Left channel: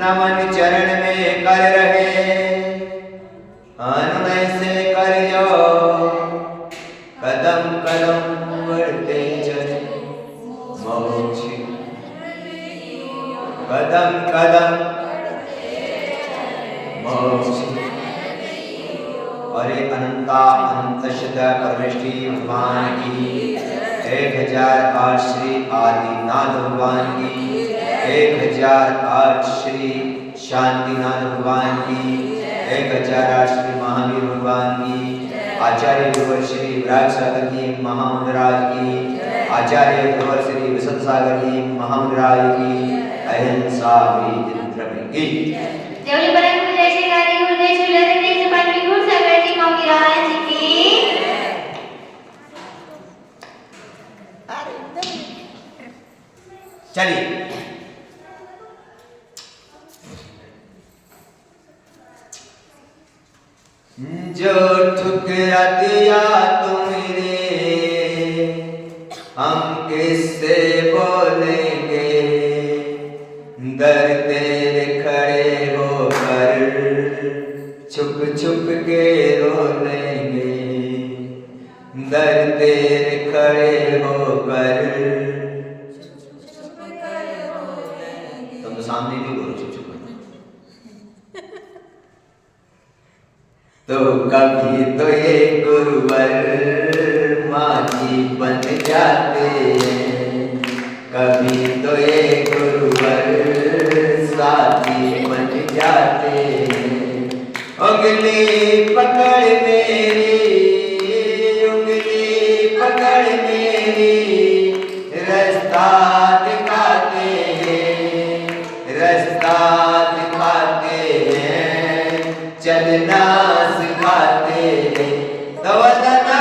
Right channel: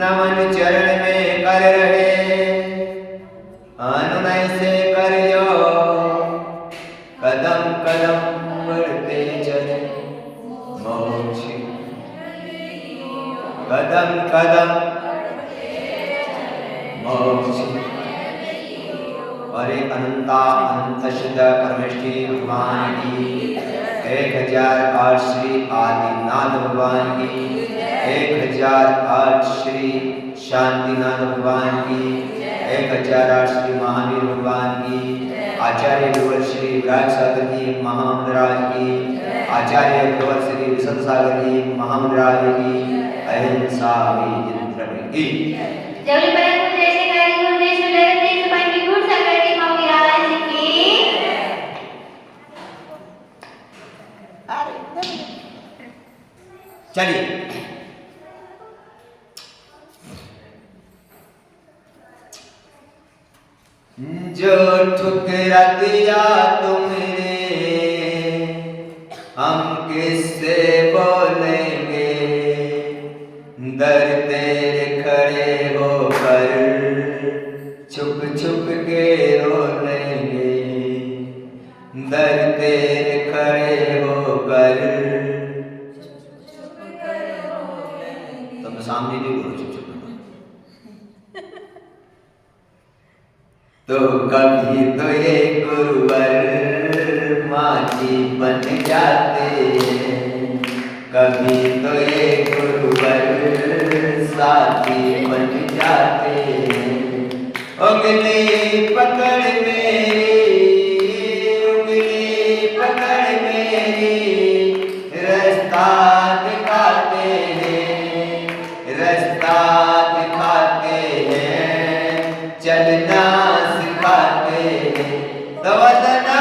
नमन चरण में कर रहे अनुनय से कर जो कदम कदम बढ़ते चले मोक्ष कदम कदम मोक्ष। अरे अनंता अनंत शत परमेष्टि भगवान की 1008 श्री आदिनाथ भगवान की 1008 श्री शांतिनाथ भगवान की 1008 श्री महावीर भगवान की आचार्य गुरुवर श्री विराज सागर जी महामंडराय की आचार्य गुरुवर श्री विष्णु सागर जी महामंडराय की अहिंसा विजय की चलिए जो ठुकरा दिया तुमने हम किससे बोलेंगे दर तेरे खड़े होकर छुप छुप के रो लेंगे दर तेरे खड़े होकर सामने भी बोलो चुप चुप तो कभी तो ये गुरुवर माची बन जाते कभी तो ये गुरुवर साथी बन जाते उंगली पकड़ मेरी उंगली पकड़ मेरी रास्ता दिखाते रास्ता दिखाते हैं चलना सिखाते हैं तो वदना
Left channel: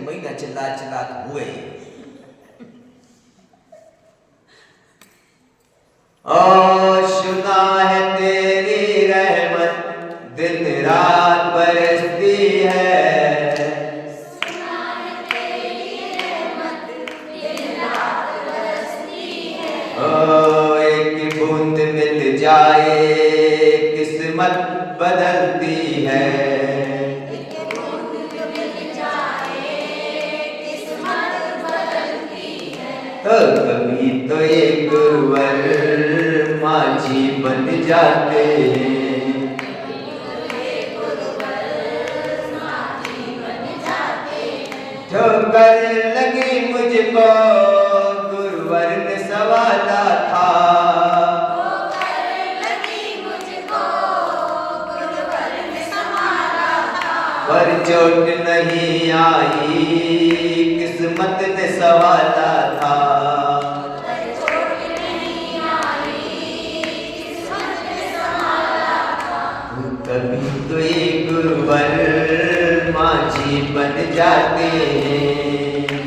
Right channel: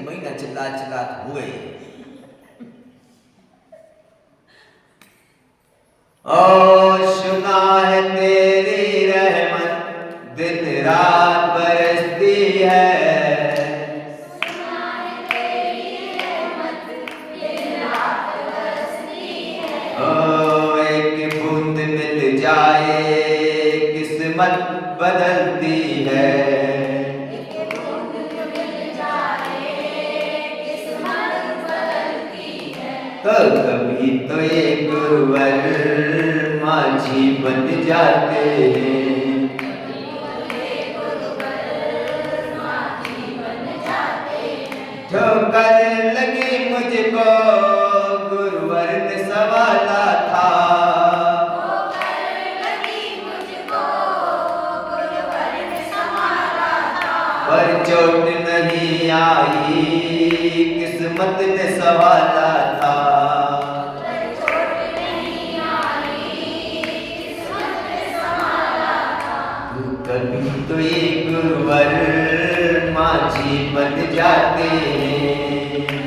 महीना चिल्ला चिल्ला हुए ओ सुना है तेरी रहमत दिन रात बरसती है सुना है तेरी रहमत दिन रात बरसती है ओ एक बूंद मिल जाए किस्मत बदलती है तो कभी तो ये गुरुवर माझी बन जाते हैं ठोकर लगी मुझको गुरुवर ने सवाला था पर चोट नहीं आई किस्मत ने सवाला था कभी तो ये गुरुवर माझी बन जाते हैं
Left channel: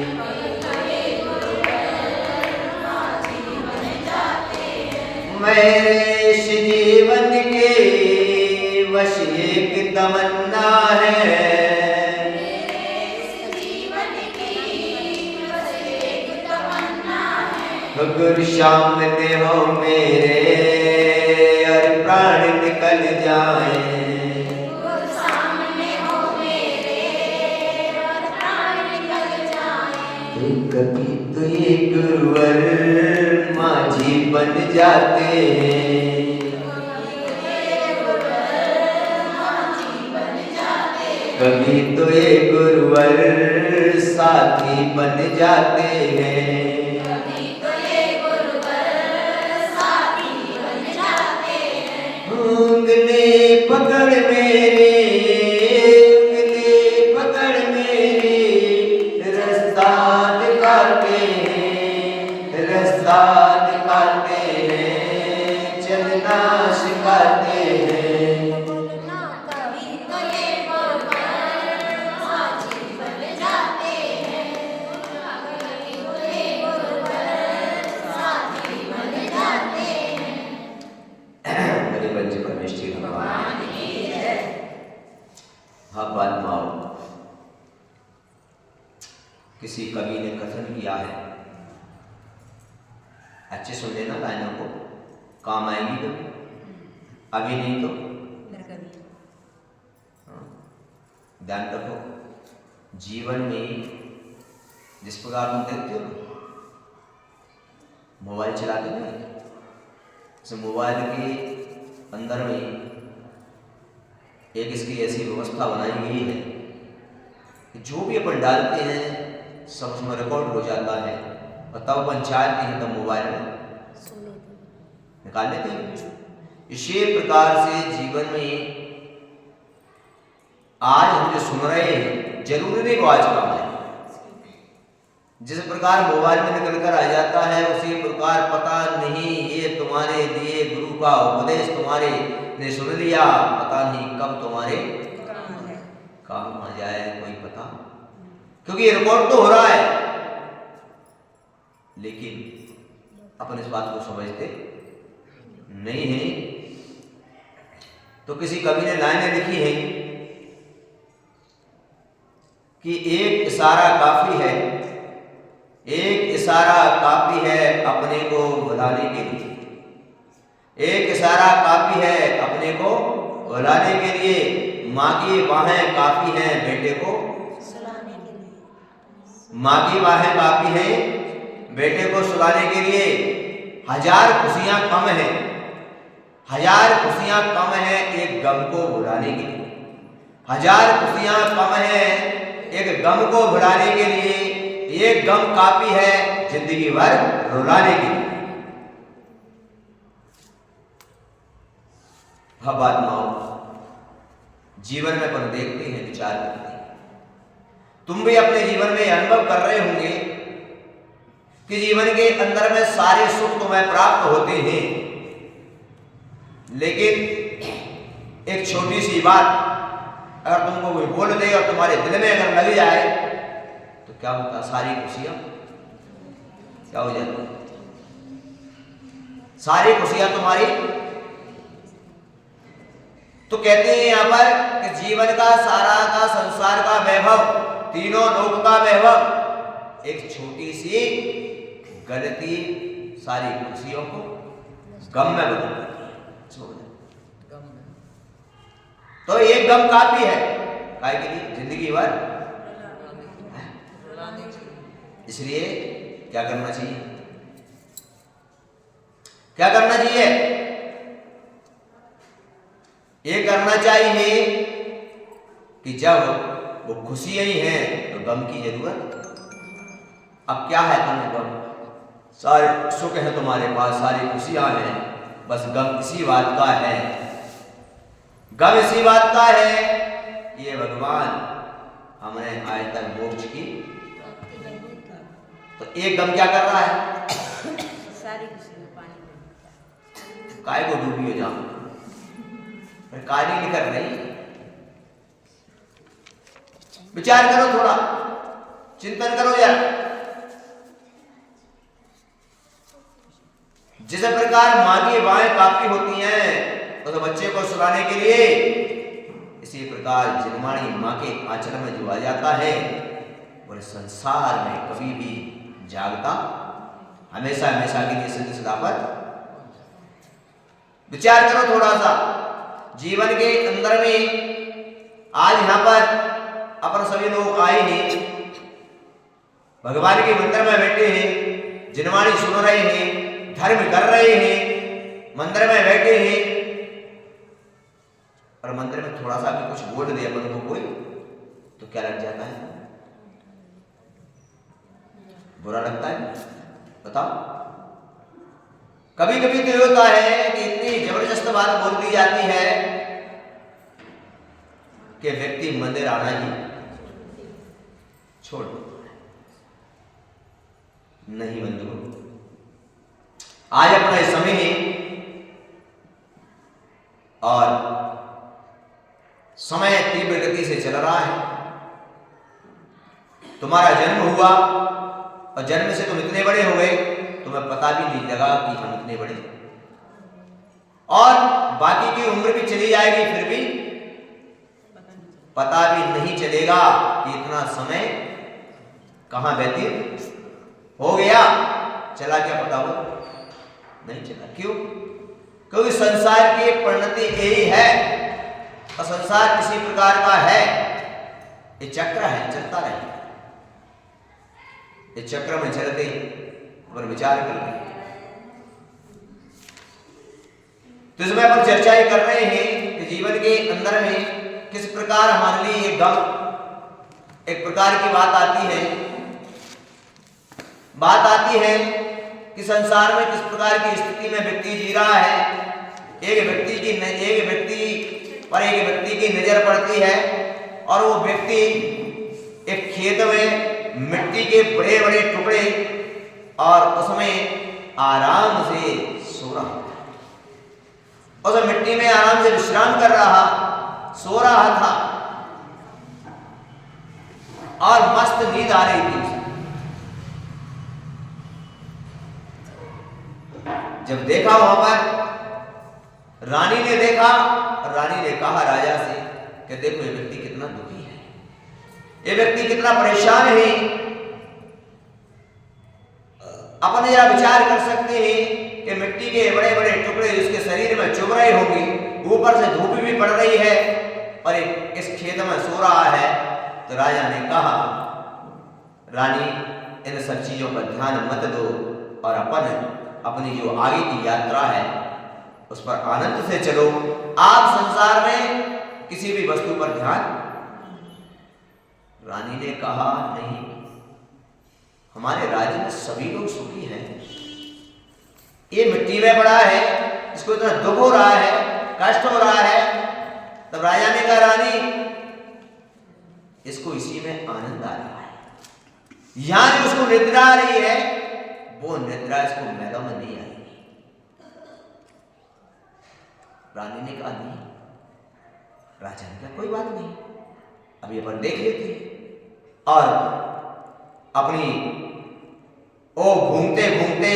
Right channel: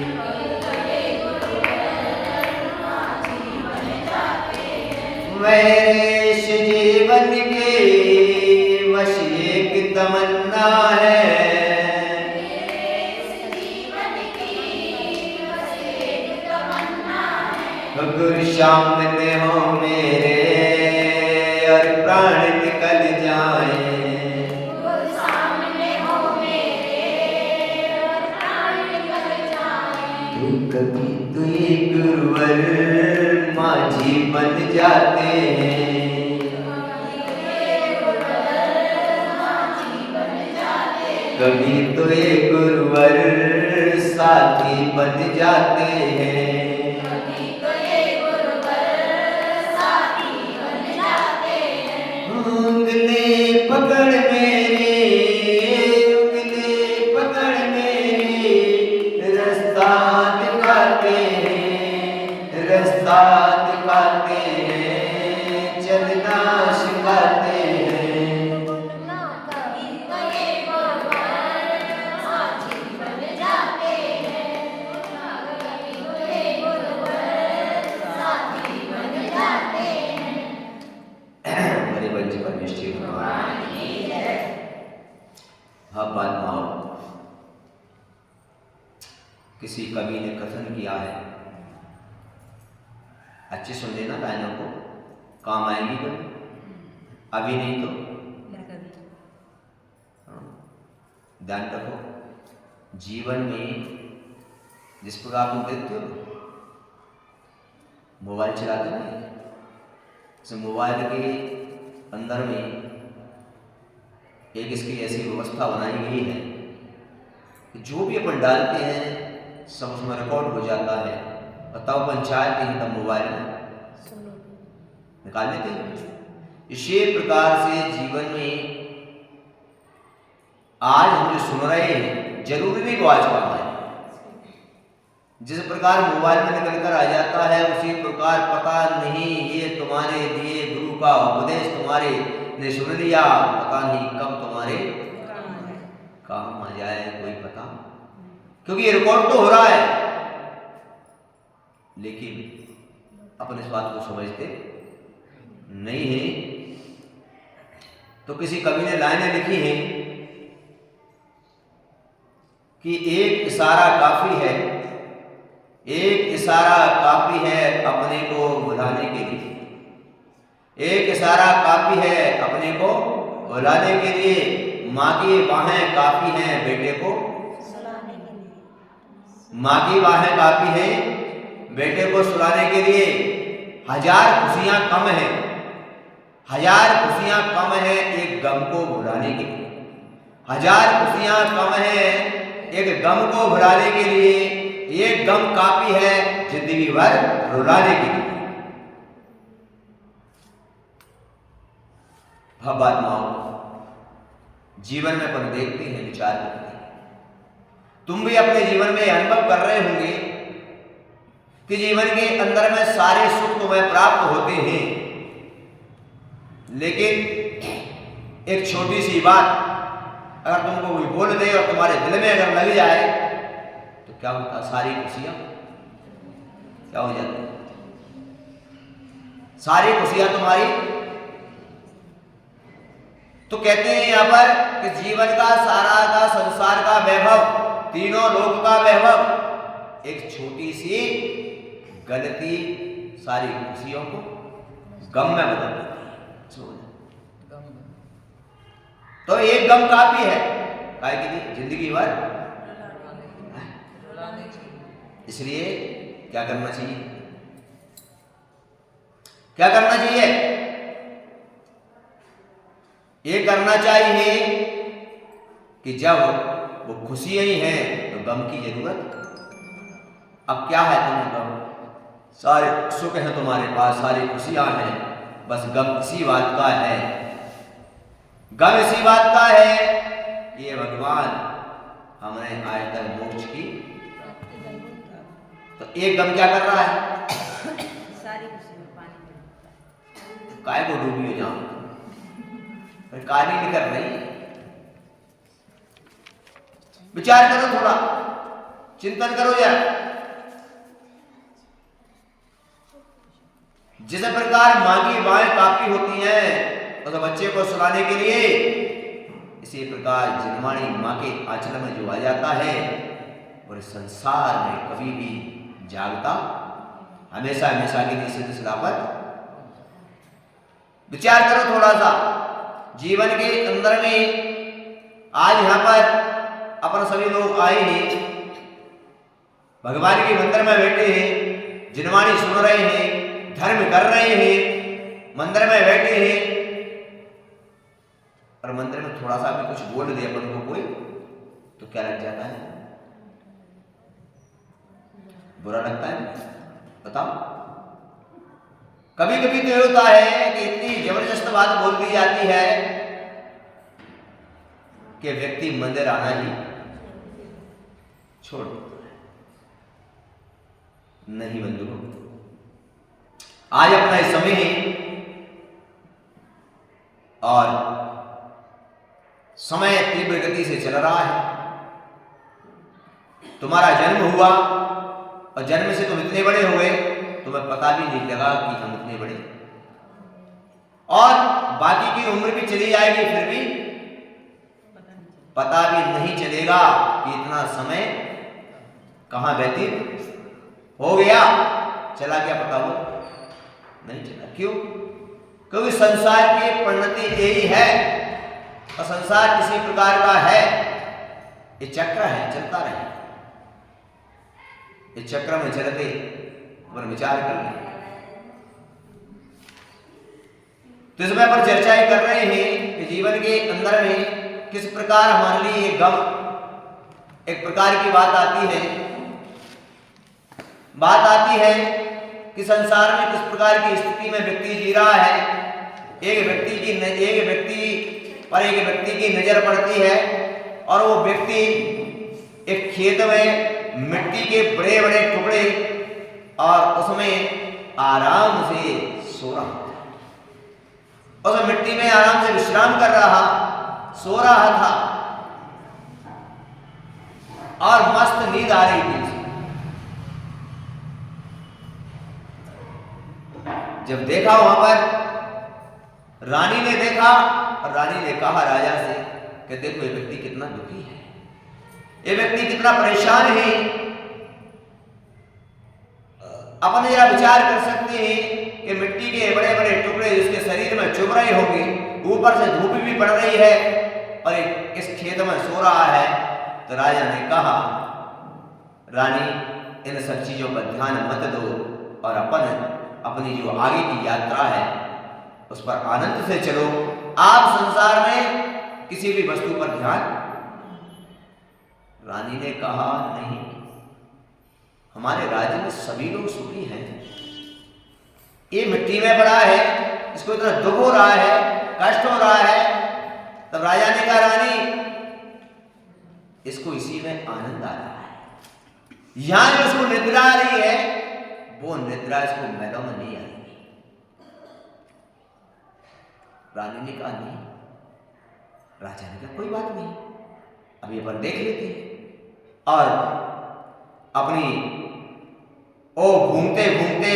मेरे इस जीवन के वश एक तमन्ना है गुरु सामने हो मेरे और प्राण निकल जाए कभी तो ये गुरुवर माझी बन जाते हैं कभी तो ये गुरुवर साथी बन जाते हैं, कभी तो ये गुरुवर साथी बन जाते हैं। उंगली पकड़ मेरी, उंगली पकड़ मेरी, रास्ता दिखाते हैं, रास्ता दिखाते हैं, चलना सिखाते हैं। कभी तो ये गुरुवर साथी बन जाते हैं, कभी तो ये गुरुवर साथी बन जाते हैं। मेरे बच्चे परमेश्वर भगवान की जय। हाँ बात माओ, किसी कवि ने कथन किया है, अच्छे सुन लेना लाइनों को, काम आएगी कभी, अभी नहीं तो ध्यान रखो। जीवन में जिस प्रकार तुम देखते हो मोबाइल चलाते नहीं, इस मोबाइल के अंदर में एक इसकी ऐसी व्यवस्था बनाई गई है कि जो भी अपन डालते हैं सब उसमें रिकॉर्ड हो जाता है, और तब अपन चाहते हैं तब मोबाइल में निकाल लेते हैं। इसी प्रकार से जीवन में आज हम जो सुन रहे हैं जरूरी नहीं वो आज काम आए। जिस प्रकार मोबाइल में निकल कर आ जाता है उसी प्रकार पता नहीं ये तुम्हारे लिए गुरु का उपदेश तुम्हारे ने सुन लिया, पता नहीं कब तुम्हारे काम आ जाए कोई पता, क्योंकि ये रिकॉर्ड तो हो रहा है, लेकिन अपन इस बात को समझते नहीं है। तो किसी कवि ने लाइनें लिखी हैं कि एक इशारा काफी है, एक इशारा काफी है अपने को भुलाने के लिए, एक इशारा काफी है अपने को भुलाने के लिए, माँ की बाहें काफी हैं बेटे को सुलाने के लिए, माँ की बाहें काफी हैं बेटे को सुलाने के लिए। हजार खुशियां कम हैं, हजार खुशियां कम हैं एक गम को भुलाने के लिए, हजार खुशियां कम हैं एक गम को भुलाने के लिए, एक गम काफी है जिंदगी भर रुलाने के लिए। हाँ बात माओ, जीवन में अपन देखते हैं, विचार करते हैं, तुम भी अपने जीवन में अनुभव कर रहे होंगे कि जीवन के अंदर में सारे सुख तुम्हें प्राप्त होते हैं, लेकिन एक छोटी सी बात अगर तुमको कोई बोल दे और तुम्हारे दिल में अगर लग जाए तो क्या होता, सारी खुशियां क्या हो जाती, सारी खुशियां तुम्हारी। तो कहते हैं यहां पर कि जीवन का सारा का संसार का वैभव, तीनों लोक का वैभव एक छोटी सी गलती सारी खुशियों को गम में बदल देती है। तो एक गम काफी है काय के लिए जिंदगी भर, इसलिए क्या करना चाहिए, क्या करना चाहिए, ये करना चाहिए कि जब वो खुशियां ही हैं तो गम की जरूरत। अब क्या है तुम्हें गम, सारे सुख हैं तुम्हारे पास, सारी खुशियां हैं, बस गम इसी बात का है, गम इसी बात का है ये भगवान हमने आज तक मोक्ष की। तो एक गम क्या कर रहा है, सारी खुशी पानी काय को डूबी हो जाओ, पर काय नहीं कर रही, विचार करो, थोड़ा चिंतन करो यार। जिस प्रकार माँ की बाहें काफी होती हैं उस बच्चे को सुलाने के लिए, इसी प्रकार जिनवाणी माँ के आंचल में जो आ जाता है और संसार में कभी भी जागता हमेशा हमेशा के लिए सिलसिला पर। विचार करो थोड़ा सा, जीवन के अंदर में आज यहाँ पर अपन सभी लोग आए हैं, भगवान के मंदिर में बैठे हैं, जिनवाणी सुन रहे हैं, धर्म कर रहे हैं, मंदिर में बैठे हैं, और मंदिर में थोड़ा सा भी कुछ बोल दिया अपन को कोई तो क्या लग जाता है? बुरा लगता है? बताओ। कभी कभी तो ये होता है कि इतनी जबरदस्त बात बोल दी जाती है कि व्यक्ति मंदिर आना ही छोड़ देता है। नहीं बंधु, आज अपना समय और समय तीव्र गति से चल रहा है। तुम्हारा जन्म हुआ और जन्म से तुम इतने बड़े हो गए, तुम्हें पता भी नहीं लगा कि हम इतने बड़े, और बाकी की उम्र भी चली जाएगी फिर भी पता भी नहीं चलेगा कि इतना समय कहां व्यतीत हो गया। चला क्या पता हो? नहीं चला। क्यों? क्योंकि संसार की परिणति यही है, और संसार किसी प्रकार का है, ये चक्र है, चलता रहे। इस चक्र में चलते पर विचार कर रहे हैं। तो इसमें अपन चर्चाएं कर रहे हैं कि जीवन के अंदर में किस प्रकार हमारे लिए ये गम एक प्रकार की बात आती है कि संसार में किस प्रकार की स्थिति में व्यक्ति जी रहा है। एक व्यक्ति पर एक व्यक्ति की नजर पड़ती है, और वो व्यक्ति एक खेत में मिट्टी के बड़े बड़े टुकड़े और उसमें आराम से सो रहा था। उस मिट्टी में आराम से विश्राम कर रहा, सो रहा था, और मस्त नींद आ रही थी। जब देखा वहां पर रानी ने देखा, और रानी ने कहा राजा से कि देखो ये व्यक्ति कितना दुखी है, ये व्यक्ति कितना परेशान है। अपन जरा विचार कर सकते हैं कि मिट्टी के बड़े बड़े टुकड़े उसके शरीर में चुभ रहे होंगे, ऊपर से धूप भी पड़ रही है, और इस खेत में सो रहा है। तो राजा ने कहा रानी, इन सब चीजों पर ध्यान मत दो, और अपनी जो आगे की यात्रा है उस पर आनंद से चलो। आप संसार में किसी भी वस्तु पर ध्यान। रानी ने कहा नहीं, हमारे राज्य में सभी लोग सुखी हैं, ये मिट्टी में पड़ा है, इसको इतना दुख हो रहा है, कष्ट हो रहा है। तब राजा ने कहा रानी, इसको इसी में आनंद आ रहा है, यहां जो उसको निद्रा आ रही है वो निद्रा इसको महलों में नहीं आएगी। रानी ने कहा नहीं। राजा ने कहा कोई बात नहीं, अभी अपन देख लेते हैं। और अपनी घूमते घूमते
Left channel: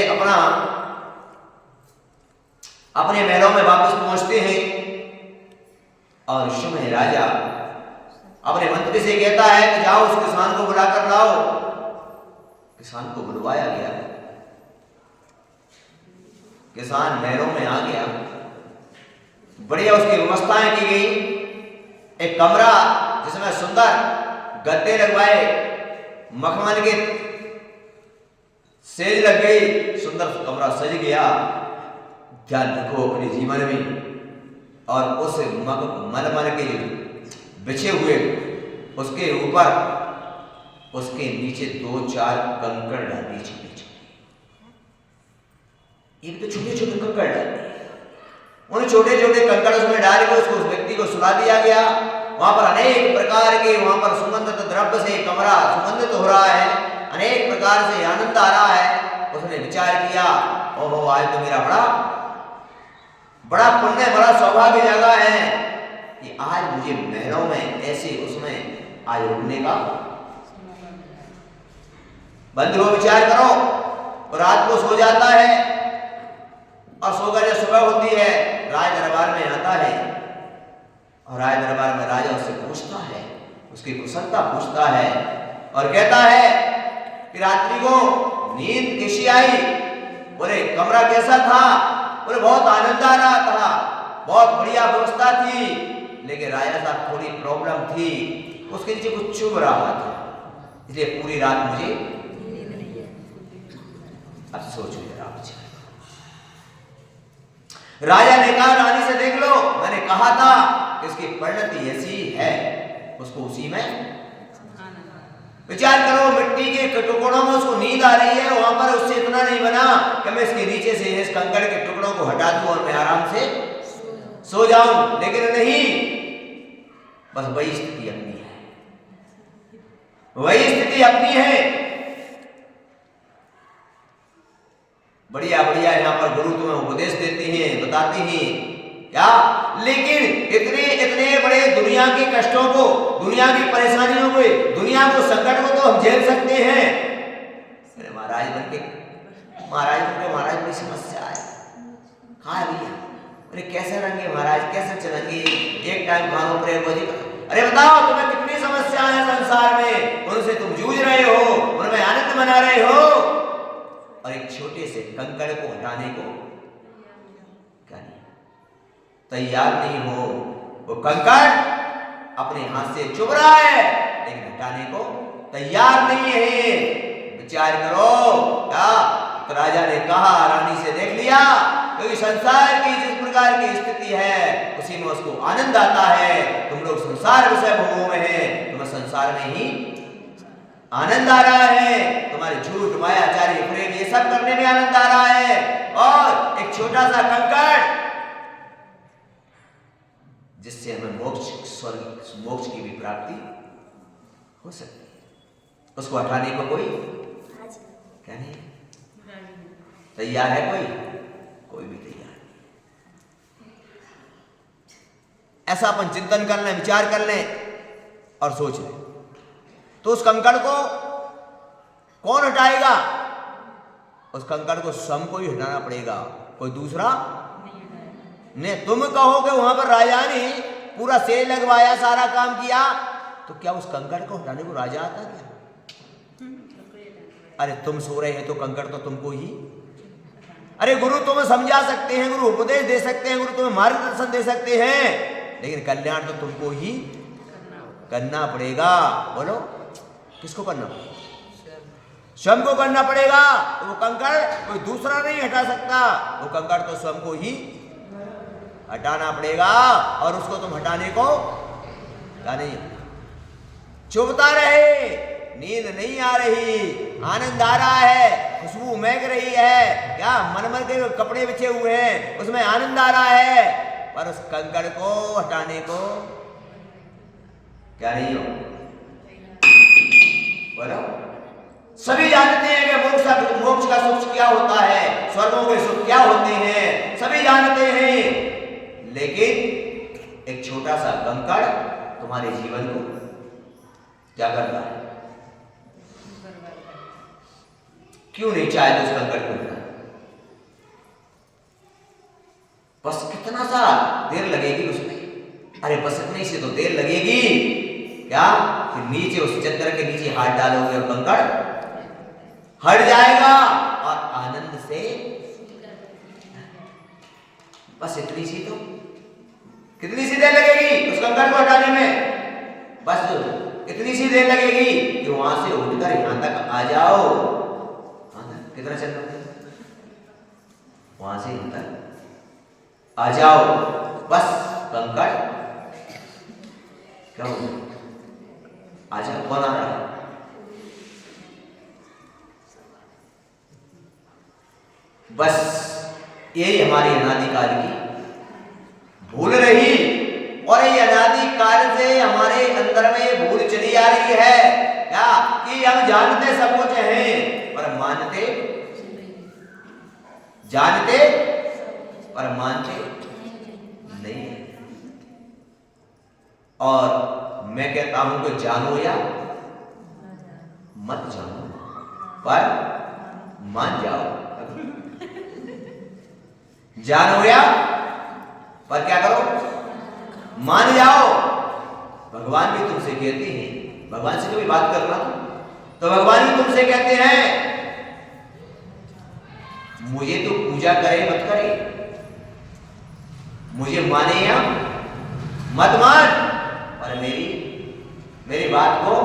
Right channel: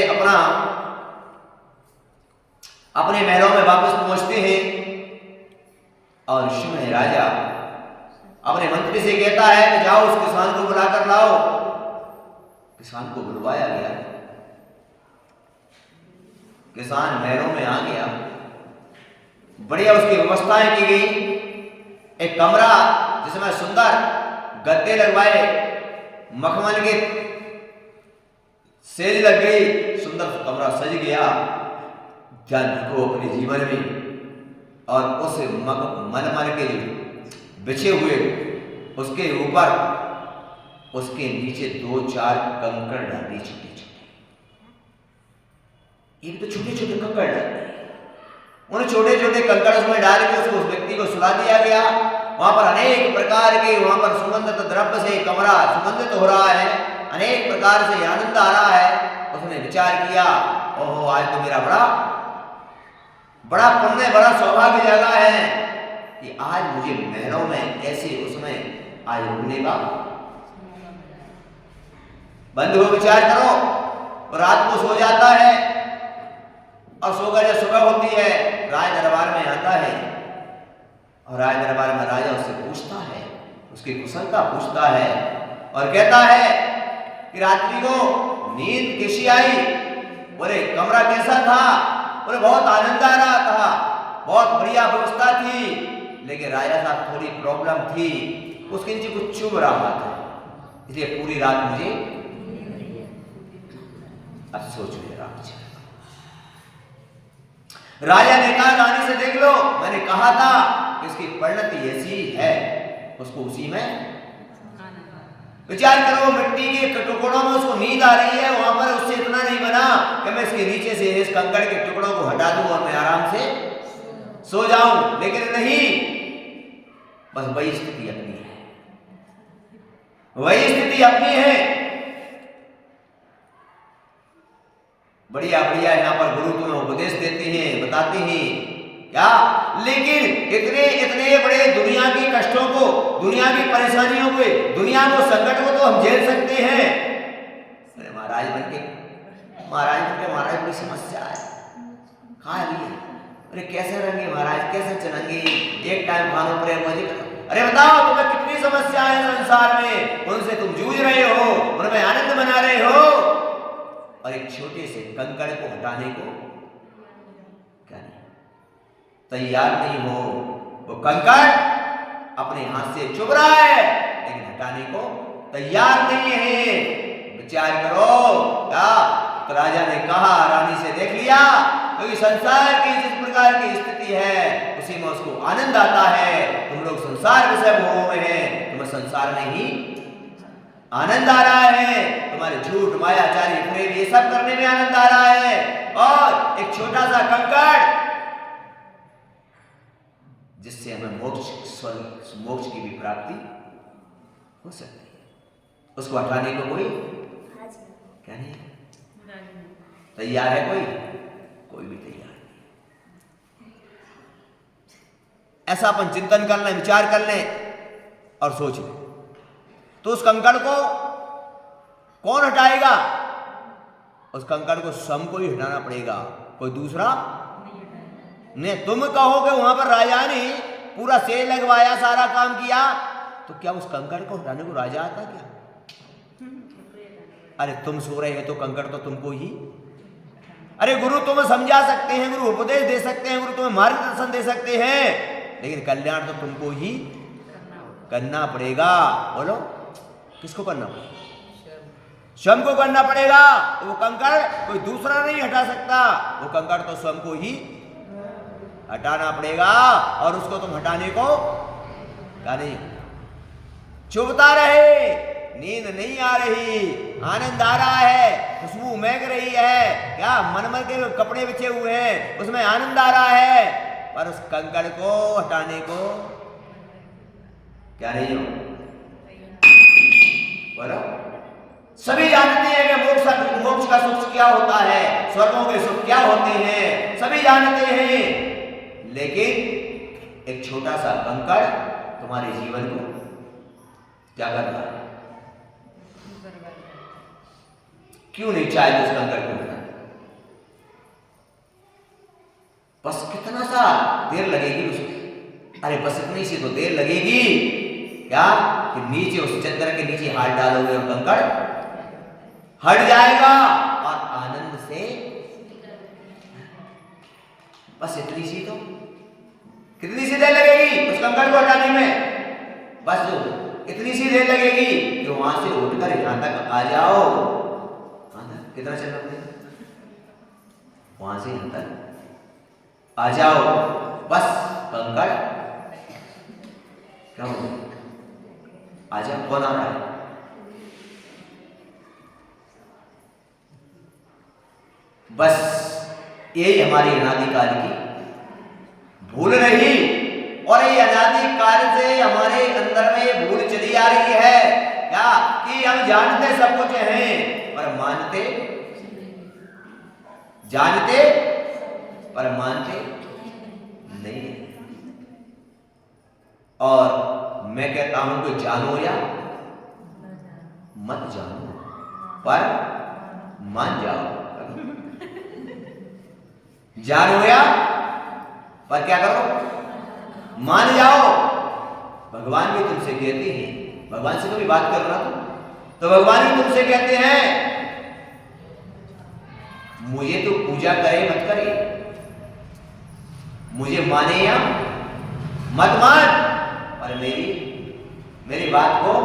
अपने महलों में वापस पहुंचते हैं, और उस समय राजा अपने मंत्री से कहता है कि जाओ उस किसान को बुलाकर लाओ। किसान को बुलवाया गया, किसान महलों में आ गया, बढ़िया उसकी व्यवस्थाएं की गई। एक कमरा जिसमें सुंदर गद्दे लगवाए, मखमल के सेज लग गई, सुंदर कमरा सज गया। ध्यान रखो अपने जीवन में, और उस मलमल के बिछे हुए उसके ऊपर उसके नीचे 2-4 कंकड़ डाली, छोटे छोटे, ये भी तो छोटे छोटे कंकड़ डाले। उन छोटे छोटे कंकड़ उसमें डाल के उस व्यक्ति को सुला दिया गया। वहां पर अनेक प्रकार के वहां पर सुगंधित द्रव्य से कमरा सुगंधित हो रहा है, अनेक प्रकार से आनंद आ रहा है। उसने विचार किया, ओहो आज तो मेरा बड़ा पुण्य, बड़ा सौभाग्य जगह है कि आज मुझे महलों में ऐसे उसमें आज रुकने का। बंधु विचार करो, रात को सो जाता है, और सोकर जब सुबह होती है राज दरबार में आता है, और राज दरबार में राजा उससे पूछता है, उसकी कुशलता पूछता है, और कहता है कि रात्रि को नींद कैसी आई? बोले कमरा कैसा था? बोले बहुत आनंद आ रहा था, बहुत बढ़िया व्यवस्था थी, लेकिन राजा साहब थोड़ी प्रॉब्लम थी, उसके नीचे कुछ चुभ रहा था, इसलिए पूरी रात मुझे। अब सोचो जरा, राजा ने कहा रानी से देख लो, मैंने कहा था कि इसकी परिणति ऐसी है, उसको उसी में विचार करो, मिट्टी के टुकड़ों में उसको नींद आ रही है, वहां पर उससे इतना नहीं बना कि मैं इसके नीचे से इस कंकड़ के टुकड़ों को हटा दूं और मैं आराम से सो जाऊं, लेकिन नहीं, बस वही स्थिति अपनी है, वही स्थिति अपनी है। बढ़िया बढ़िया यहाँ पर गुरु तुम्हें उपदेश देते हैं, बताते हैं क्या, लेकिन इतने इतने बड़े दुनिया के कष्टों को, दुनिया की परेशानियों को, दुनिया को, संकट को तो हम झेल सकते हैं। अरे महाराज बन के महाराज की समस्या है, कहाँ है? अरे कैसे रहेंगे महाराज, कैसे चलेंगे, एक टाइम खानों पर अरे बताओ तुम्हें कितनी समस्याएं हैं संसार में, उनसे तुम जूझ रहे हो, उनमें आनंद मना रहे हो, और एक छोटे से कंकड़ को हटाने को क्या नहीं, तैयार नहीं हो। वो कंकड़ अपने हाथ से चुभ रहा है, लेकिन हटाने को तैयार नहीं है। विचार करो, क्या तो राजा ने कहा, रानी से देख लिया, क्योंकि संसार की जिस प्रकार की स्थिति है उसी में उसको आनंद आता है। तुम लोग संसार विषय भोगों में हैं, तुम्हें संसार में ही आनंद आ रहा है, तुम्हारे झूठ मायाचारी प्रेम ये सब करने में आनंद आ रहा है, और एक छोटा सा कंकड़ जिससे हमें मोक्ष की भी प्राप्ति हो सकती है, उसको हटाने को कोई क्या नहीं तैयार है, कोई भी तैयार नहीं। ऐसा अपन चिंतन कर लें, विचार कर लें और सोच लें, तो उस कंकड़ को कौन हटाएगा? उस कंकड़ को स्वयं को ही हटाना पड़ेगा, कोई दूसरा नहीं। तुम कहोगे वहां पर राजा ने पूरा सेल लगवाया, सारा काम किया, तो क्या उस कंकड़ को हटाने को राजा आता क्या? अरे तुम सो रहे हो तो कंकड़ तो तुमको ही, अरे गुरु तुम्हें समझा सकते हैं, गुरु उपदेश दे सकते हैं, गुरु तुम्हें मार्गदर्शन दे सकते हैं, लेकिन कल्याण तो तुमको ही करना पड़ेगा। बोलो किसको करना पड़ेगा? स्वयं को करना पड़ेगा। तो वो कंकड़ कोई दूसरा नहीं हटा सकता, वो कंकड़ तो स्वयं को ही हटाना पड़ेगा, और उसको तुम हटाने को क्या नहीं, चुभता रहे, नींद नहीं आ रही, आनंद आ रहा है, खुशबू महक रही है, क्या मनमर के कपड़े बिछे हुए हैं उसमें आनंद आ रहा है, पर उस कंकड़ को हटाने को क्या नहीं हो। बोलो सभी जानते हैं कि मोक्ष का सुख क्या होता है, स्वर्गों के सुख क्या होते हैं, सभी जानते हैं, लेकिन एक छोटा सा कंकड़ तुम्हारे जीवन को क्या करता है? क्यों नहीं चाहे उस कंकड़ को मिटाना? बस कितना सा देर लगेगी उसमें, अरे बस इतनी सी तो देर लगेगी क्या कि नीचे उस चद्दर के नीचे हाथ डालोगे और कंकड़ हट जाएगा, और आनंद से बस इतनी सी तो, कितनी सी देर लगेगी उस कंकड़ को हटाने में? बस तो इतनी सी देर लगेगी कि वहां से उठकर यहां तक आ जाओ। कितना चलना पड़ेगा? वहां से यहां तक आ जाओ, बस कंकड़ क्या हो, आ जाओ। कौन आ रहा है? बस यही हमारी अनादिकाल की भूल रही, और ये अनादिकाल से हमारे अंदर में ये भूल चली आ रही है क्या कि हम जानते सब कुछ हैं पर मानते, जानते पर मानते नहीं। और मैं कहता हूं कि जानो या मत जानो, पर मान जाओ। जानो या पर क्या करो, मान जाओ। भगवान भी तुमसे कहते हैं, भगवान से कभी बात करना तो भगवान भी तुमसे कहते हैं मुझे तो पूजा करे मत करे, मुझे माने या मत मान, पर मेरी बात को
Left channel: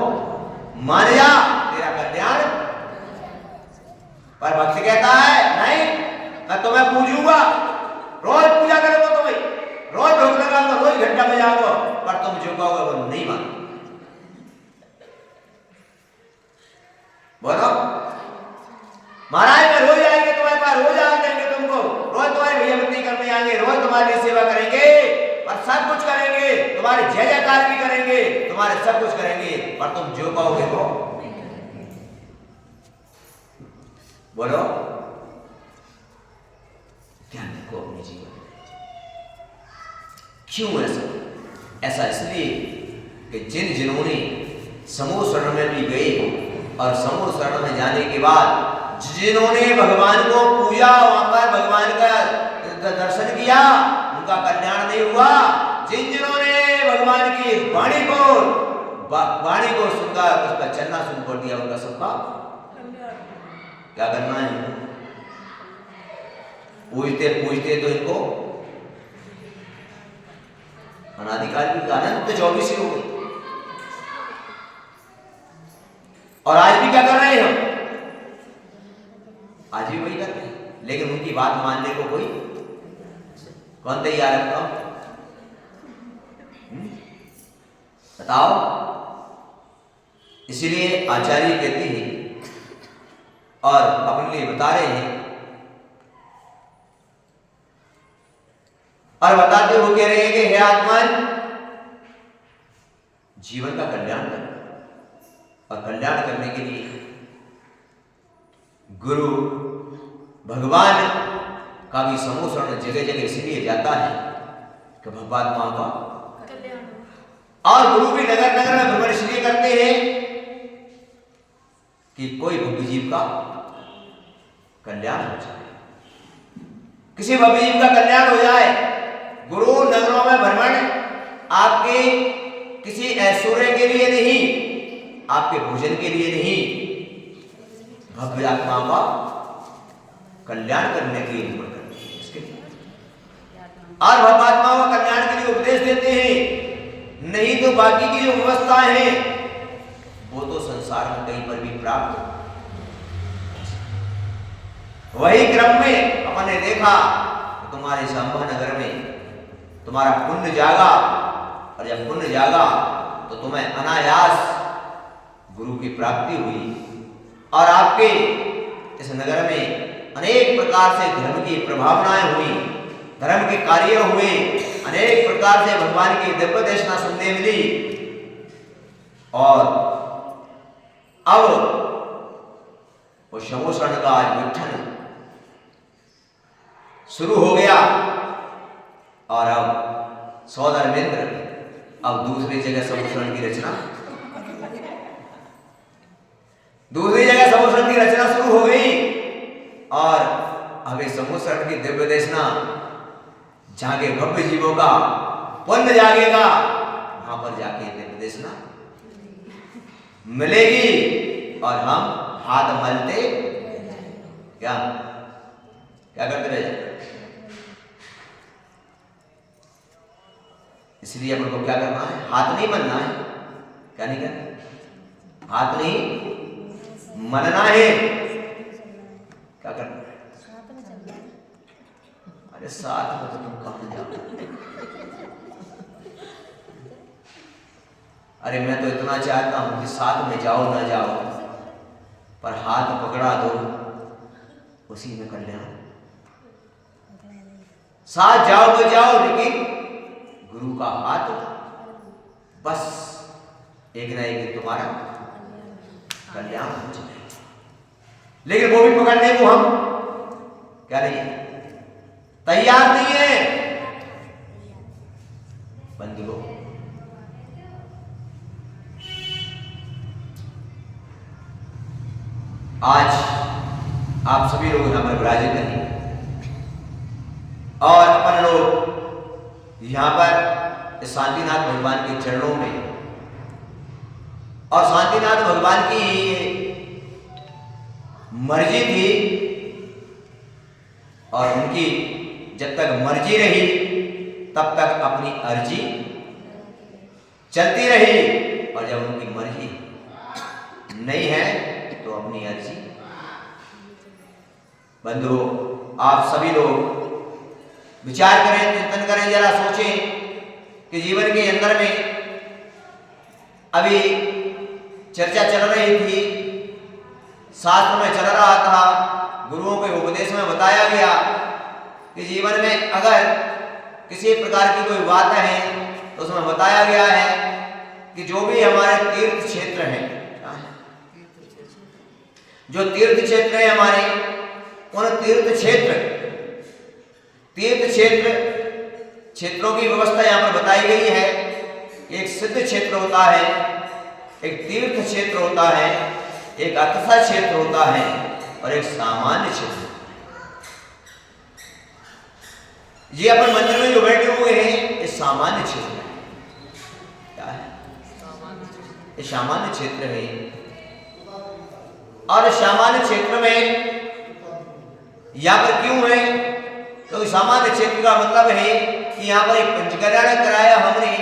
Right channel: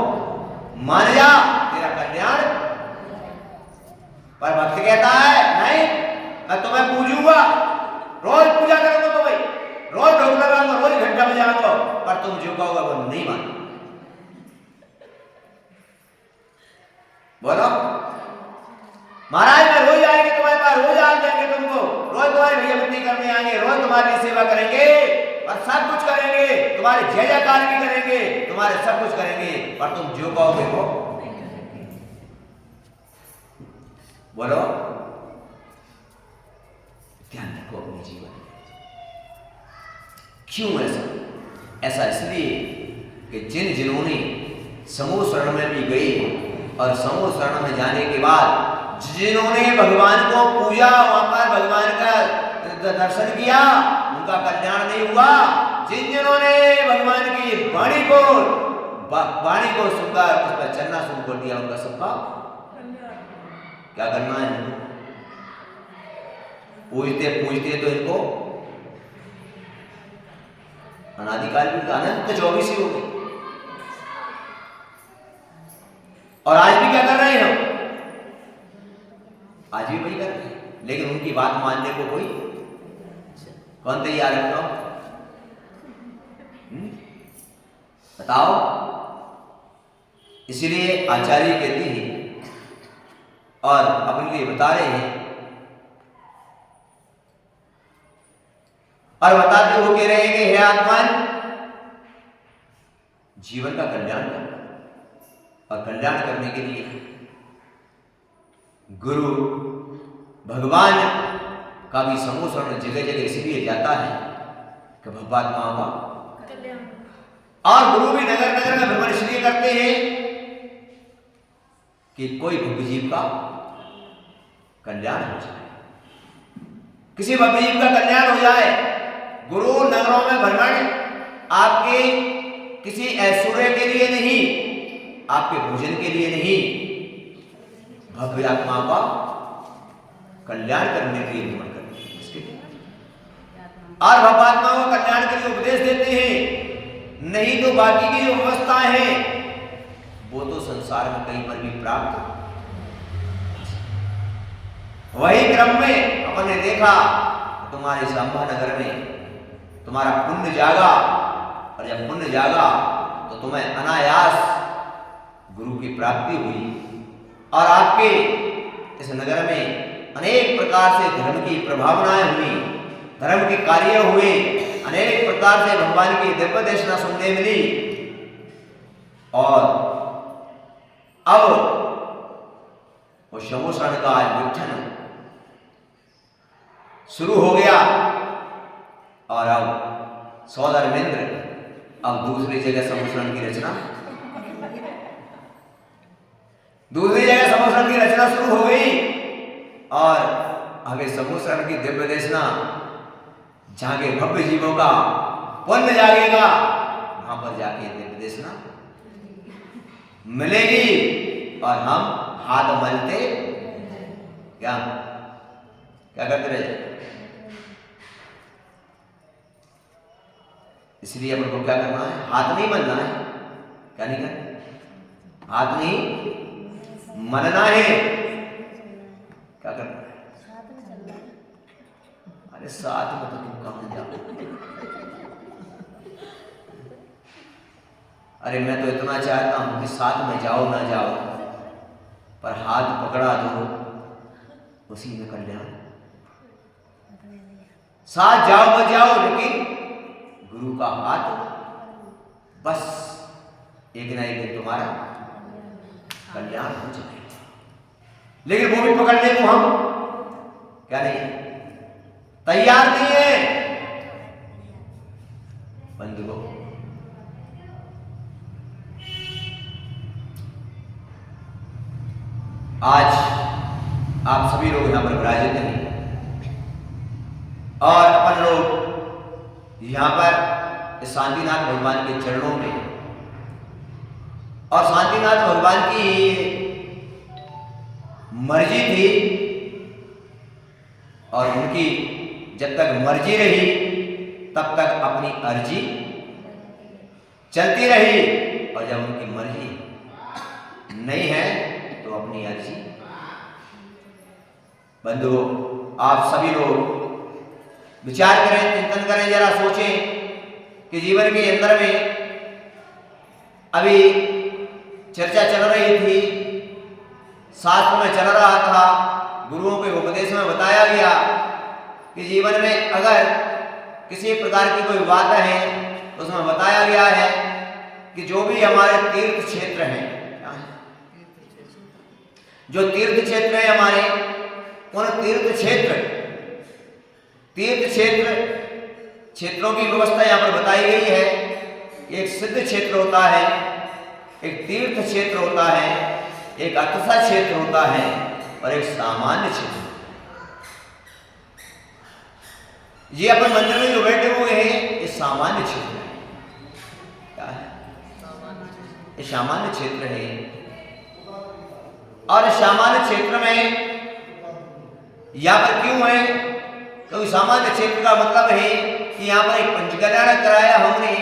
मान जा, तेरा कल्याण। पर भक्त कहता है नहीं, मैं तुम्हें पूजूंगा, रोज पूजा करूंगा, तुम्हें रोज भोग लगाऊंगा, रोज घंटा बजाऊंगा, पर तुम जो कहोगे वो नहीं मान। बोलो महाराज मैं रोज आएंगे तुम्हारे पास, रोज आ देंगे तुमको, रोज तुम्हारी भैया बत्ती करने आएंगे, रोज तुम्हारे लिए सेवा करेंगे और सब कुछ करेंगे, तुम्हारे जय जयकार भी करेंगे, तुम्हारे सब कुछ करेंगे, पर तुम जो कहोगे वो। बोलो ध्यान रखो अपने जीवन में। क्यों ऐसा? ऐसा इसलिए कि जिन्होंने समूह शरण में भी गए और समूह शरण में जाने के बाद जिन्होंने भगवान को पूजा, वहां पर भगवान का दर्शन किया, उनका कल्याण नहीं हुआ। जिन्होंने भगवान की वाणी को सुनकर उस पर चलना शुरू कर दिया, उनका सबका क्या करना है? पूजते पूजते तो इनको अनादिकाल की अनंत 24 हो गई। और आज भी क्या कर रहे हैं हम? आज भी वही कर रहे हैं, लेकिन उनकी बात मानने को कोई कौन तैयार है? बताओ। इसीलिए आचार्य कहते हैं और अपने लिए बता रहे हैं और बताते हुए कह रहे हैं कि हे आत्मन, जीवन का कल्याण कर, और कल्याण करने के लिए गुरु भगवान का भी समूह शरण जगह जगह इसलिए जाता है कि भगवात्माओं का, और गुरु भी नगर नगर में भ्रमण इसलिए करते हैं कि कोई भव्य जीव का कल्याण हो जाए, किसी भव्य जीव का कल्याण हो जाए। गुरु नगरों में भ्रमण आपके किसी ऐश्वर्य के लिए नहीं, आपके भोजन के लिए नहीं, भव्य आत्माओं का कल्याण करने के लिए भ्रमण करते हैं। इसके लिए और भव्य आत्माओं का कल्याण के लिए उपदेश देते हैं। नहीं तो बाकी की जो व्यवस्था है वो तो संसार में कहीं पर भी प्राप्त। वही क्रम में अपन ने देखा तुम्हारे शंभा नगर में तुम्हारा पुण्य जागा, और जब पुण्य जागा तो तुम्हें अनायास गुरु की प्राप्ति हुई, और आपके इस नगर में अनेक प्रकार से धर्म की प्रभावनाएं हुई, धर्म के कार्य हुए, अनेक प्रकार से भगवान की दिव्य देशना सुनने मिली। और अब वो समूह शरण का विघटन शुरू हो गया, और अब सौधर्मेंद्र अब दूसरी जगह समूह शरण की रचना, दूसरी जगह समूह शरण की रचना शुरू हो गई। और अभी समूह शरण की दिव्य देशना जहां के भव्य जीवों का पुण्य जागेगा, वहां पर जाके दिव्य देशना मिलेगी, और हम हाथ मलते क्या क्या करते रहे। इसलिए अपन को क्या करना है? हाथ नहीं मलना है। क्या नहीं करना? हाथ नहीं मलना है। क्या करना है? अरे साथ में तो तुम कहां जाओ? अरे मैं तो इतना चाहता हूं कि साथ में जाओ ना जाओ, पर हाथ पकड़ा दो, उसी में कल्याण। साथ जाओ न जाओ, लेकिन गुरु का हाथ बस एक ना एक दिन तुम्हारा कल्याण हो जाएगा। लेकिन वो भी पकड़ने को हम क्या नहीं तैयार नहीं है। बंधुओं, आज आप सभी लोग यहां पर विराजित हैं, और अपन लोग यहां पर शांतिनाथ भगवान के चरणों में, और शांतिनाथ भगवान की मर्जी थी, और उनकी जब तक मर्जी रही तब तक अपनी अर्जी चलती रही, और जब उनकी मर्जी नहीं है तो अपनी अर्जी। बंधुओं, आप सभी लोग विचार करें, चिंतन करें, जरा सोचें कि जीवन के अंदर में अभी चर्चा चल रही थी शास्त्र में चल रहा था, गुरुओं के उपदेश में बताया गया कि जीवन में अगर किसी प्रकार की कोई बात है तो उसमें बताया गया है कि जो भी हमारे तीर्थ क्षेत्र हैं, जो तीर्थ क्षेत्र है हमारे, उन क्षेत्रों की व्यवस्था यहाँ पर बताई गई है। एक सिद्ध क्षेत्र होता है, एक तीर्थ क्षेत्र होता है, एक अतसा क्षेत्र होता है और एक सामान्य क्षेत्र। ये अपन मंदिर में जो बैठे हुए हैं ये सामान्य क्षेत्र है। क्या है? ये सामान्य क्षेत्र है। और सामान्य क्षेत्र में यहाँ पर क्यों है? क्योंकि सामान्य क्षेत्र का मतलब है कि यहाँ पर एक पंचकल्याण कराया हमने,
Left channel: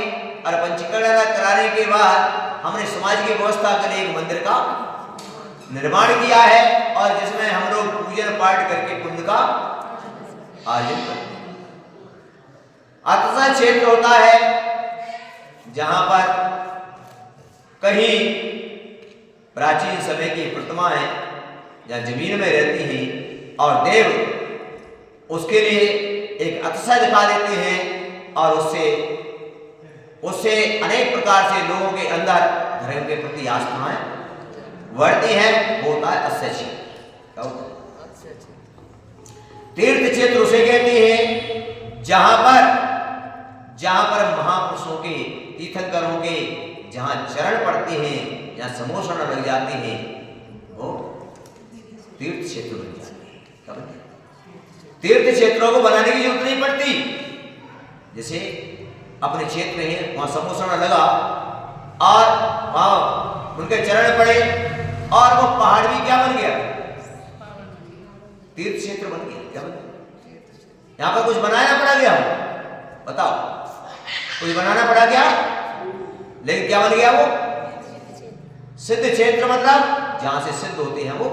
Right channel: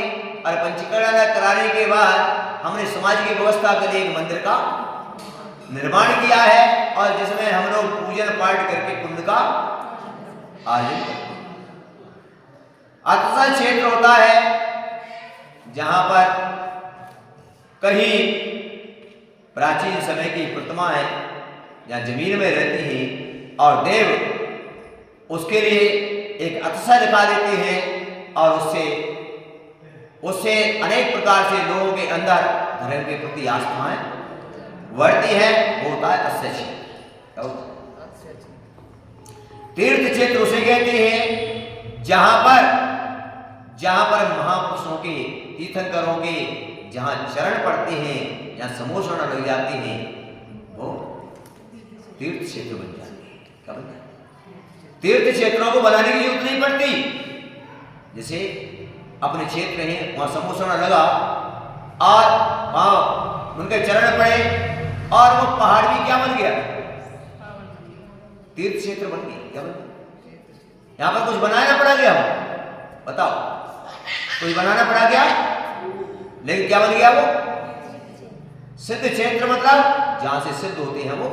और पंचकल्याण कराने के बाद हमने समाज की व्यवस्था के लिए एक मंदिर का निर्माण किया है, और जिसमें हम लोग पूजन पाठ करके पुण्य का आर्जन करते हैं। अतसा क्षेत्र होता है जहां पर कहीं प्राचीन समय की प्रतिमा है, जहां जमीन में रहती है, और देव उसके लिए एक अतसा दिखा देते हैं, और उससे अनेक प्रकार से लोगों के अंदर धर्म के प्रति आस्थाएं बढ़ती है। होता है अस्य क्षेत्र। तीर्थ क्षेत्र उसे कहते हैं जहां पर महापुरुषों के, तीर्थंकरों के जहां चरण पड़ते हैं, जहां समोषण लग जाते हैं, वो तीर्थ क्षेत्र बन जाते हैं। क्या बन जाते? तीर्थ क्षेत्रों को बनाने की जरूरत नहीं पड़ती। जैसे अपने क्षेत्र है, वहां समोषण लगा और वहां उनके चरण पड़े और वो पहाड़ भी क्या बन गया? तीर्थ क्षेत्र बन गया। क्या बन गया? यहां पर कुछ बनाना पड़ा गया? बताओ, कुछ बनाना पड़ा क्या? लेकिन क्या बन गया वो? सिद्ध क्षेत्र। मतलब जहां से सिद्ध होते हैं वो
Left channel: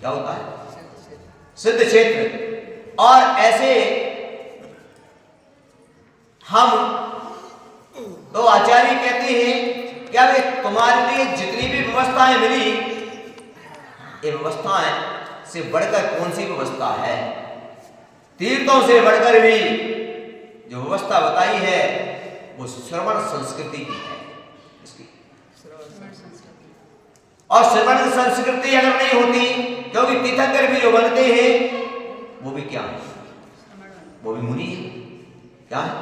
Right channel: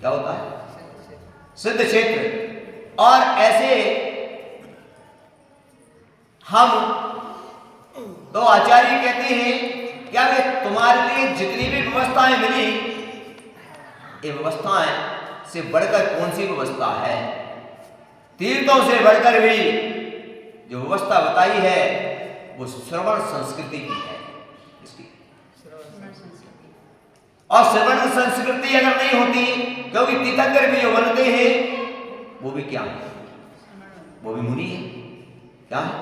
क्या होता है? सिद्ध क्षेत्र। और ऐसे हम तो आचार्य कहते हैं क्या वे तुम्हारे लिए जितनी भी व्यवस्थाएं मिली, ये व्यवस्थाएं से बढ़कर कौन सी व्यवस्था है? तीर्थों से बढ़कर भी जो व्यवस्था बताई है वो श्रवण संस्कृति की है। इसकी और श्रवण संस्कृति अगर नहीं होती, क्योंकि तीर्थंकर भी जो बनते हैं वो भी क्या है? वो भी मुनि है। क्या है?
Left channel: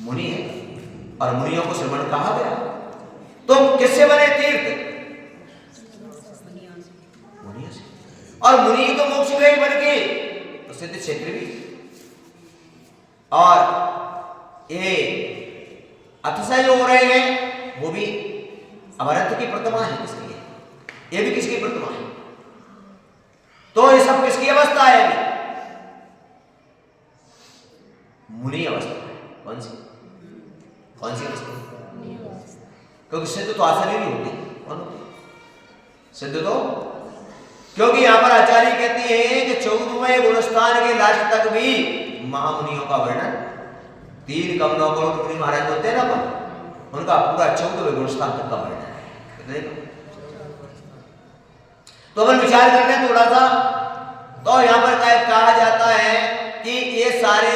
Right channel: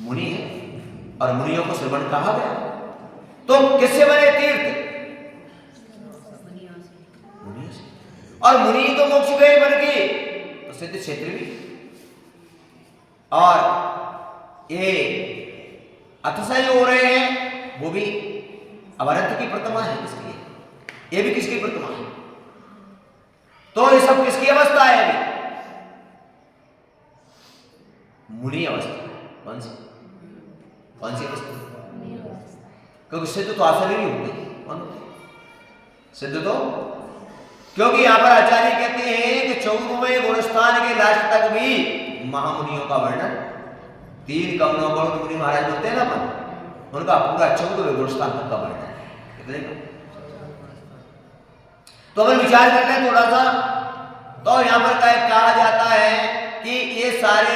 मुनि है, और मुनियों को श्रवण कहा गया। तो किससे बने तीर्थ? मुनियों से। और मुनि तो मोक्ष गए बन के, तो सिद्ध क्षेत्र भी। और ये अतिशय जो हो रहे हैं वो भी अवरंत की प्रतिमा है। किसकी है? ये भी किसकी प्रतिमा है? तो ये सब किसकी अवस्था है? अभी मुनि अवस्था है। कौन सी अवस्था? क्योंकि सिद्ध तो आसरी नहीं होते। कौन होते सिद्ध? तो क्योंकि यहां पर आचार्य कहते हैं कि 14वें गुणस्थान के लास्ट तक भी महामुनियों का वर्णन, 3 कमलों को मुनि महाराज बोलते हैं ना अपन, उनका पूरा 14वें गुणस्थान तक का वर्णन है। कितने का? तो अपन विचार कर लें थोड़ा सा। तो यहां पर कहा जाता है कि ये सारे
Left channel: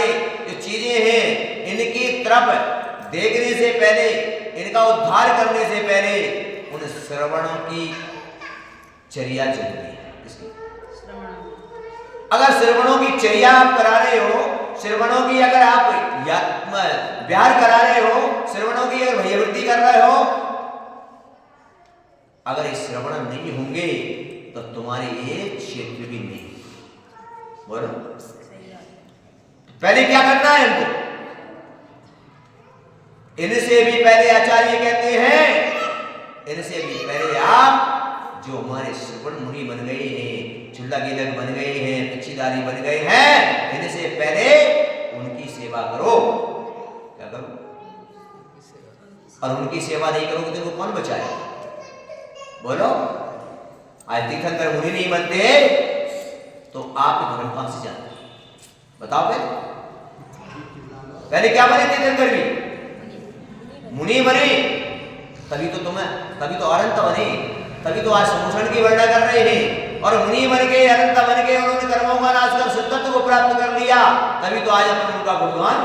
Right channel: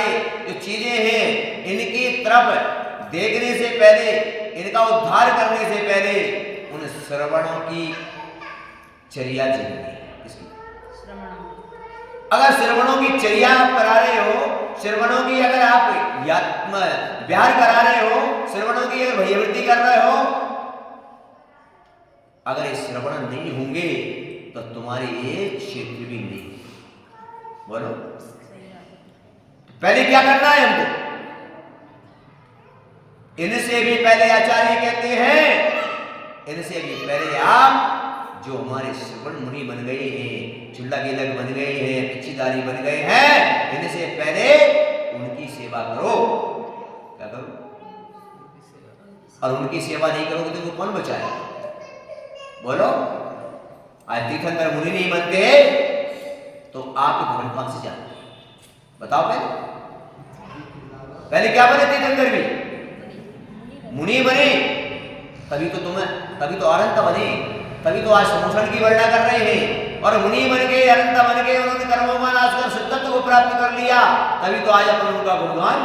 जो चीजें हैं इनकी तरफ देखने से पहले, इनका उद्धार करने से पहले उन श्रवणों की चर्या चाहिए। अगर श्रवणों की चर्या आप करा रहे हो, श्रवणों की अगर आप विहार करा रहे हो, श्रवणों की अगर भयवृत्ति कर रहे हो, अगर ये श्रवण नहीं होंगे तो तुम्हारे ये क्षेत्र भी नहीं। बोलो, पहले क्या करना है हमको? इनसे भी पहले आचार्य कहते हैं, इनसे भी पहले आप जो हमारे श्रवण मुनि बन गए हैं, चुल्ला गिलक बन गए हैं, पिछीदारी बन गए हैं, इनसे पहले उनकी सेवा करो। क्या करो? और उनकी सेवा नहीं करोगे तो वो कौन बचाएगा? बोलो, आज तीर्थंकर मुनि नहीं बनते तो आप धर्म कौन से जानते? बताओ पहले क्या बने? तीर्थंकर भी मुनि बने, तभी तो अरहंत बने। तभी तो आज समूषण की वर्णना कर रहे हैं। और मुनि बन के, अनंत बन के उन्होंने कर्मों का नाश कर सिद्धत्व को प्राप्त कर लिया, तभी तो आज अपन उनका गुणगान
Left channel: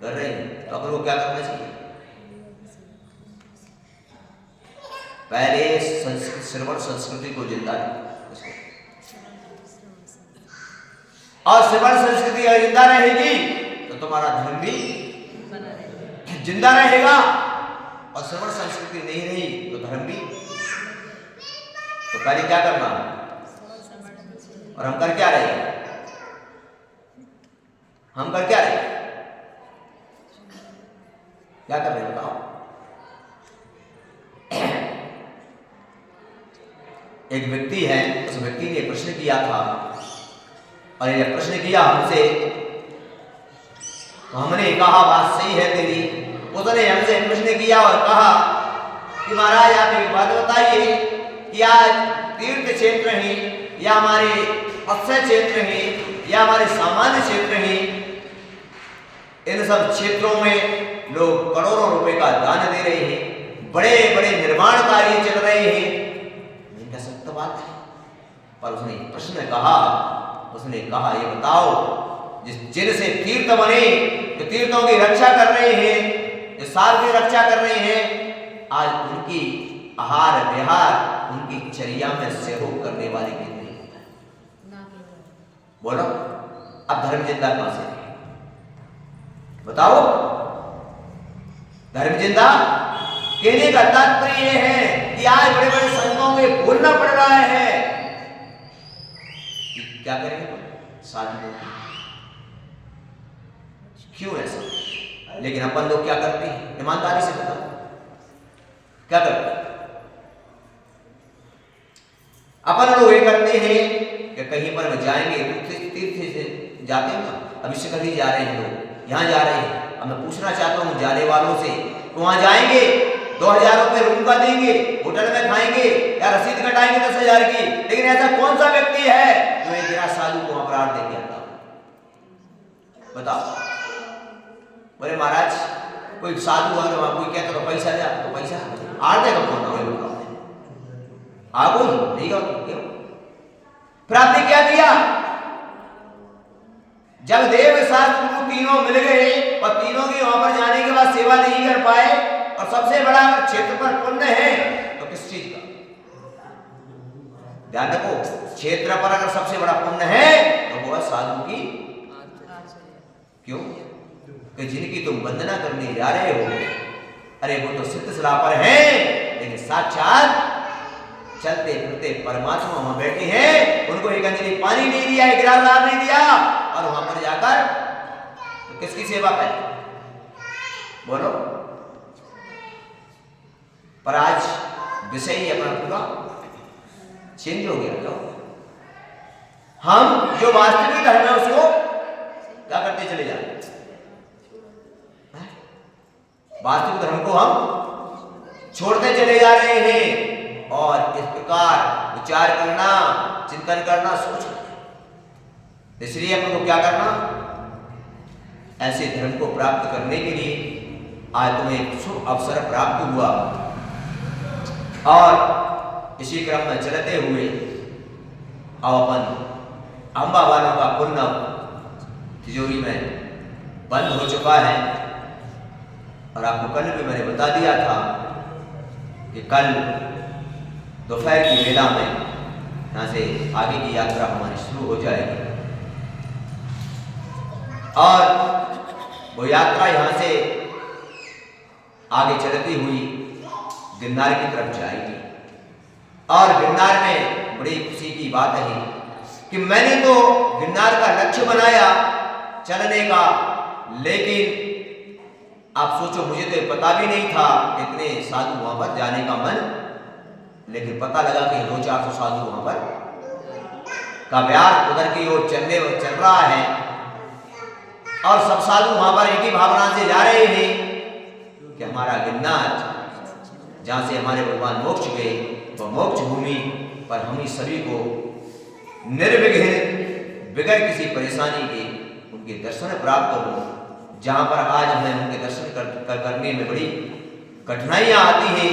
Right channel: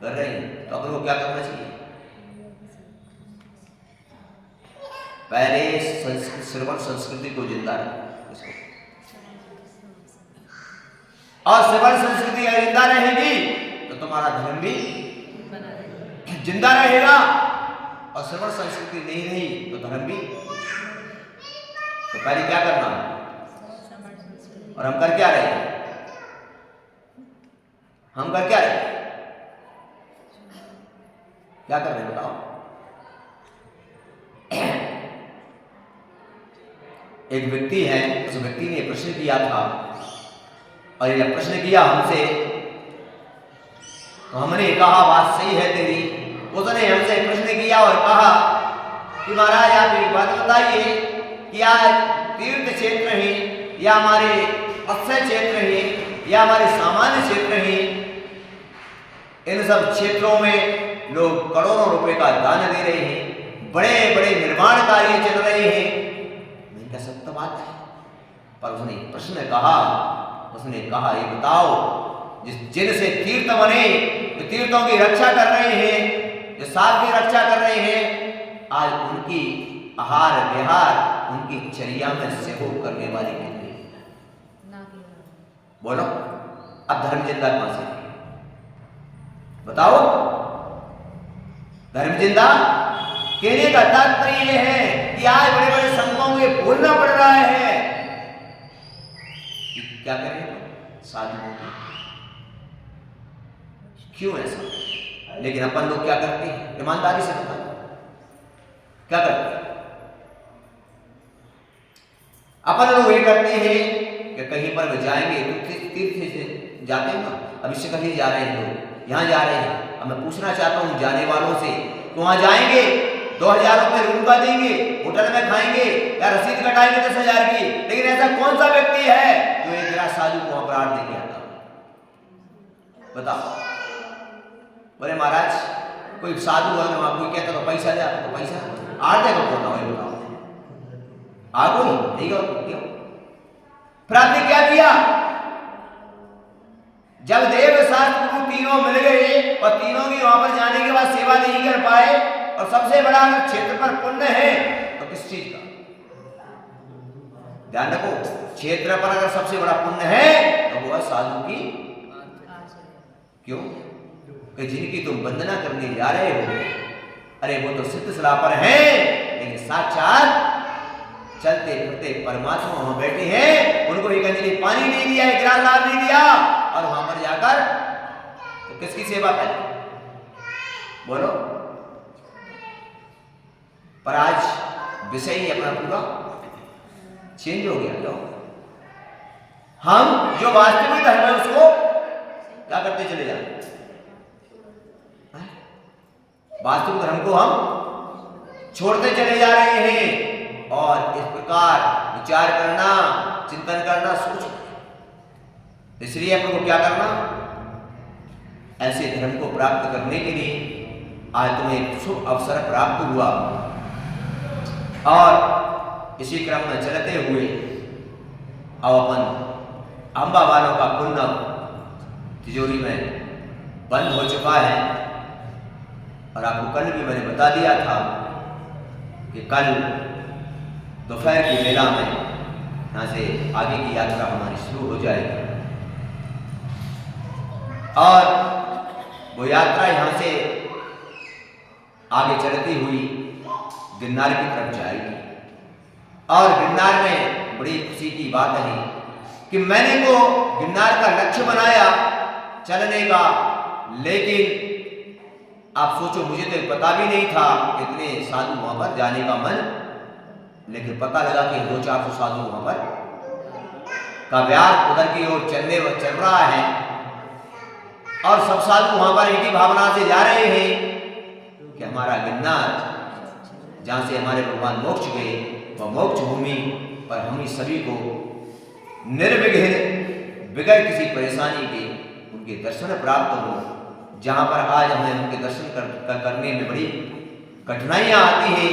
कर रहे हैं। तो अपन को क्या करना चाहिए? पहले श्रवण संस्कृति को जिंदा रखो, और श्रवण संस्कृति अगर जिंदा रहेगी तो तुम्हारा धर्म भी जिंदा रहेगा, और श्रवण संस्कृति नहीं रही तो धर्म भी। तो पहले क्या करना, और हम कर क्या रहे हैं? हम कर क्या रहे हैं? क्या कर रहे हैं बताओ? एक व्यक्ति है, उस व्यक्ति ने प्रश्न किया था, और ये प्रश्न किया हमसे, तो हमने कहा बात सही है तेरी। उसने हमसे प्रश्न किया और कहा कि महाराज आप एक बात बताइए कि आज तीर्थ क्षेत्र हैं या हमारे अक्षय क्षेत्र हैं या हमारे सामान्य क्षेत्र हैं, इन सब क्षेत्रों में लोग करोड़ों रुपए का दान दे रहे हैं, बड़े बड़े निर्माण कार्य चल रहे हैं। नहीं कह सकता बात है, पर उसने प्रश्न कहा, उसने कहा ये बताओ, जिनसे तीर्थ बने, जो तीर्थों की रक्षा कर रहे हैं, जो साध की रक्षा कर रहे हैं, आज उनकी आहार विहार, उनकी चर्या में सहयोग करने वाली कितनी है? बोलो, अब धर्म जिंदा कहां से बताओ? धर्म जिंदा कहने का तात्पर्य यह है कि आज बड़े बड़े संतों को भूलना पड़ रहा है। क्या करें साधुओं की, क्यों ऐसा? लेकिन अपन लोग क्या करते हैं? ईमानदारी से बताओ क्या करते हैं? अपन लोग ये करते हैं कि कहीं पर जाएंगे तो तीर्थ से जाते हैं ना, अभी से कहीं जा रहे हैं लोग, यहाँ जा रहे हैं, अब मैं पूछना चाहता हूँ जाने वालों से, तो वहां जाएंगे 2000 रुपए रूम का देंगे, होटल में खाएंगे या रसीद कटाएंगे 10,000 की, लेकिन ऐसा कौन सा व्यक्ति है जो एक गिरा साधु को अपराध देके आता? बताओ। बोले महाराज कोई साधु है वहां, कोई कहता तो पैसा दे, आपको पैसा आड़ देगा कौन? बताओ आ कोई नहीं गया क्यों? फिर आपने क्या किया? जब देव शास्त्र तीनों मिल गए और तीनों की वहां पर जाने के बाद सेवा नहीं कर पाए, और सबसे बड़ा अगर क्षेत्र पर पुण्य है तो किस चीज का? ध्यान रखो, क्षेत्र पर अगर सबसे बड़ा पुण्य है तो वो है साधु की। क्यों? कि जिनकी तुम वंदना करने जा रहे हो, अरे वो तो सिद्ध सलाह पर है, लेकिन साक्षात चलते फिरते परमात्मा वहां बैठे हैं, उनको एक अंजलि पानी नहीं दिया, एक गिलास लाभ नहीं दिया, और वहां पर जाकर तो किसकी सेवा करें? बोलो। पर आज विषय ही अपना पूरा चेंज हो गया। क्यों? हम जो वास्तविक धर्म है उसको क्या करते चले जा रहे हैं? वास्तविक धर्म को हम छोड़ते चले जा रहे हैं, और इस प्रकार विचार करना, चिंतन करना, सोचना। इसलिए अपन को क्या करना? ऐसे धर्म को प्राप्त करने के लिए आज तुम्हें एक शुभ अवसर प्राप्त हुआ, और इसी क्रम में चलते हुए अब अपन अम्बा वालों का पुण्य तिजोरी में बंद हो चुका है। और आपको कल भी मैंने बता दिया था कि कल दोपहर की वेला में यहाँ से आगे की यात्रा हमारी शुरू हो जाएगी, और वो यात्रा यहाँ से आगे चलती हुई गिरनार की तरफ जाएगी। और गिरनार में बड़ी खुशी की बात है कि मैंने तो गिरनार का लक्ष्य बनाया चलने का, लेकिन आप सोचो मुझे तो पता भी नहीं था इतने साधु वहां पर जाने का मन, लेकिन पता लगा कि 200-400 साधु वहां पर का व्यार उधर की ओर चल रहा है, और सब साधु वहां पर एक ही भावना से जा रहे हैं कि हमारा गिरनार, जहां से हमारे भगवान मोक्ष गए, वह मोक्ष भूमि पर हम ही सभी को निर्विघ्न बगैर किसी परेशानी के उनके दर्शन प्राप्त हो, जहां पर आज हमें उनके दर्शन करने में बड़ी कठिनाइयां आती हैं,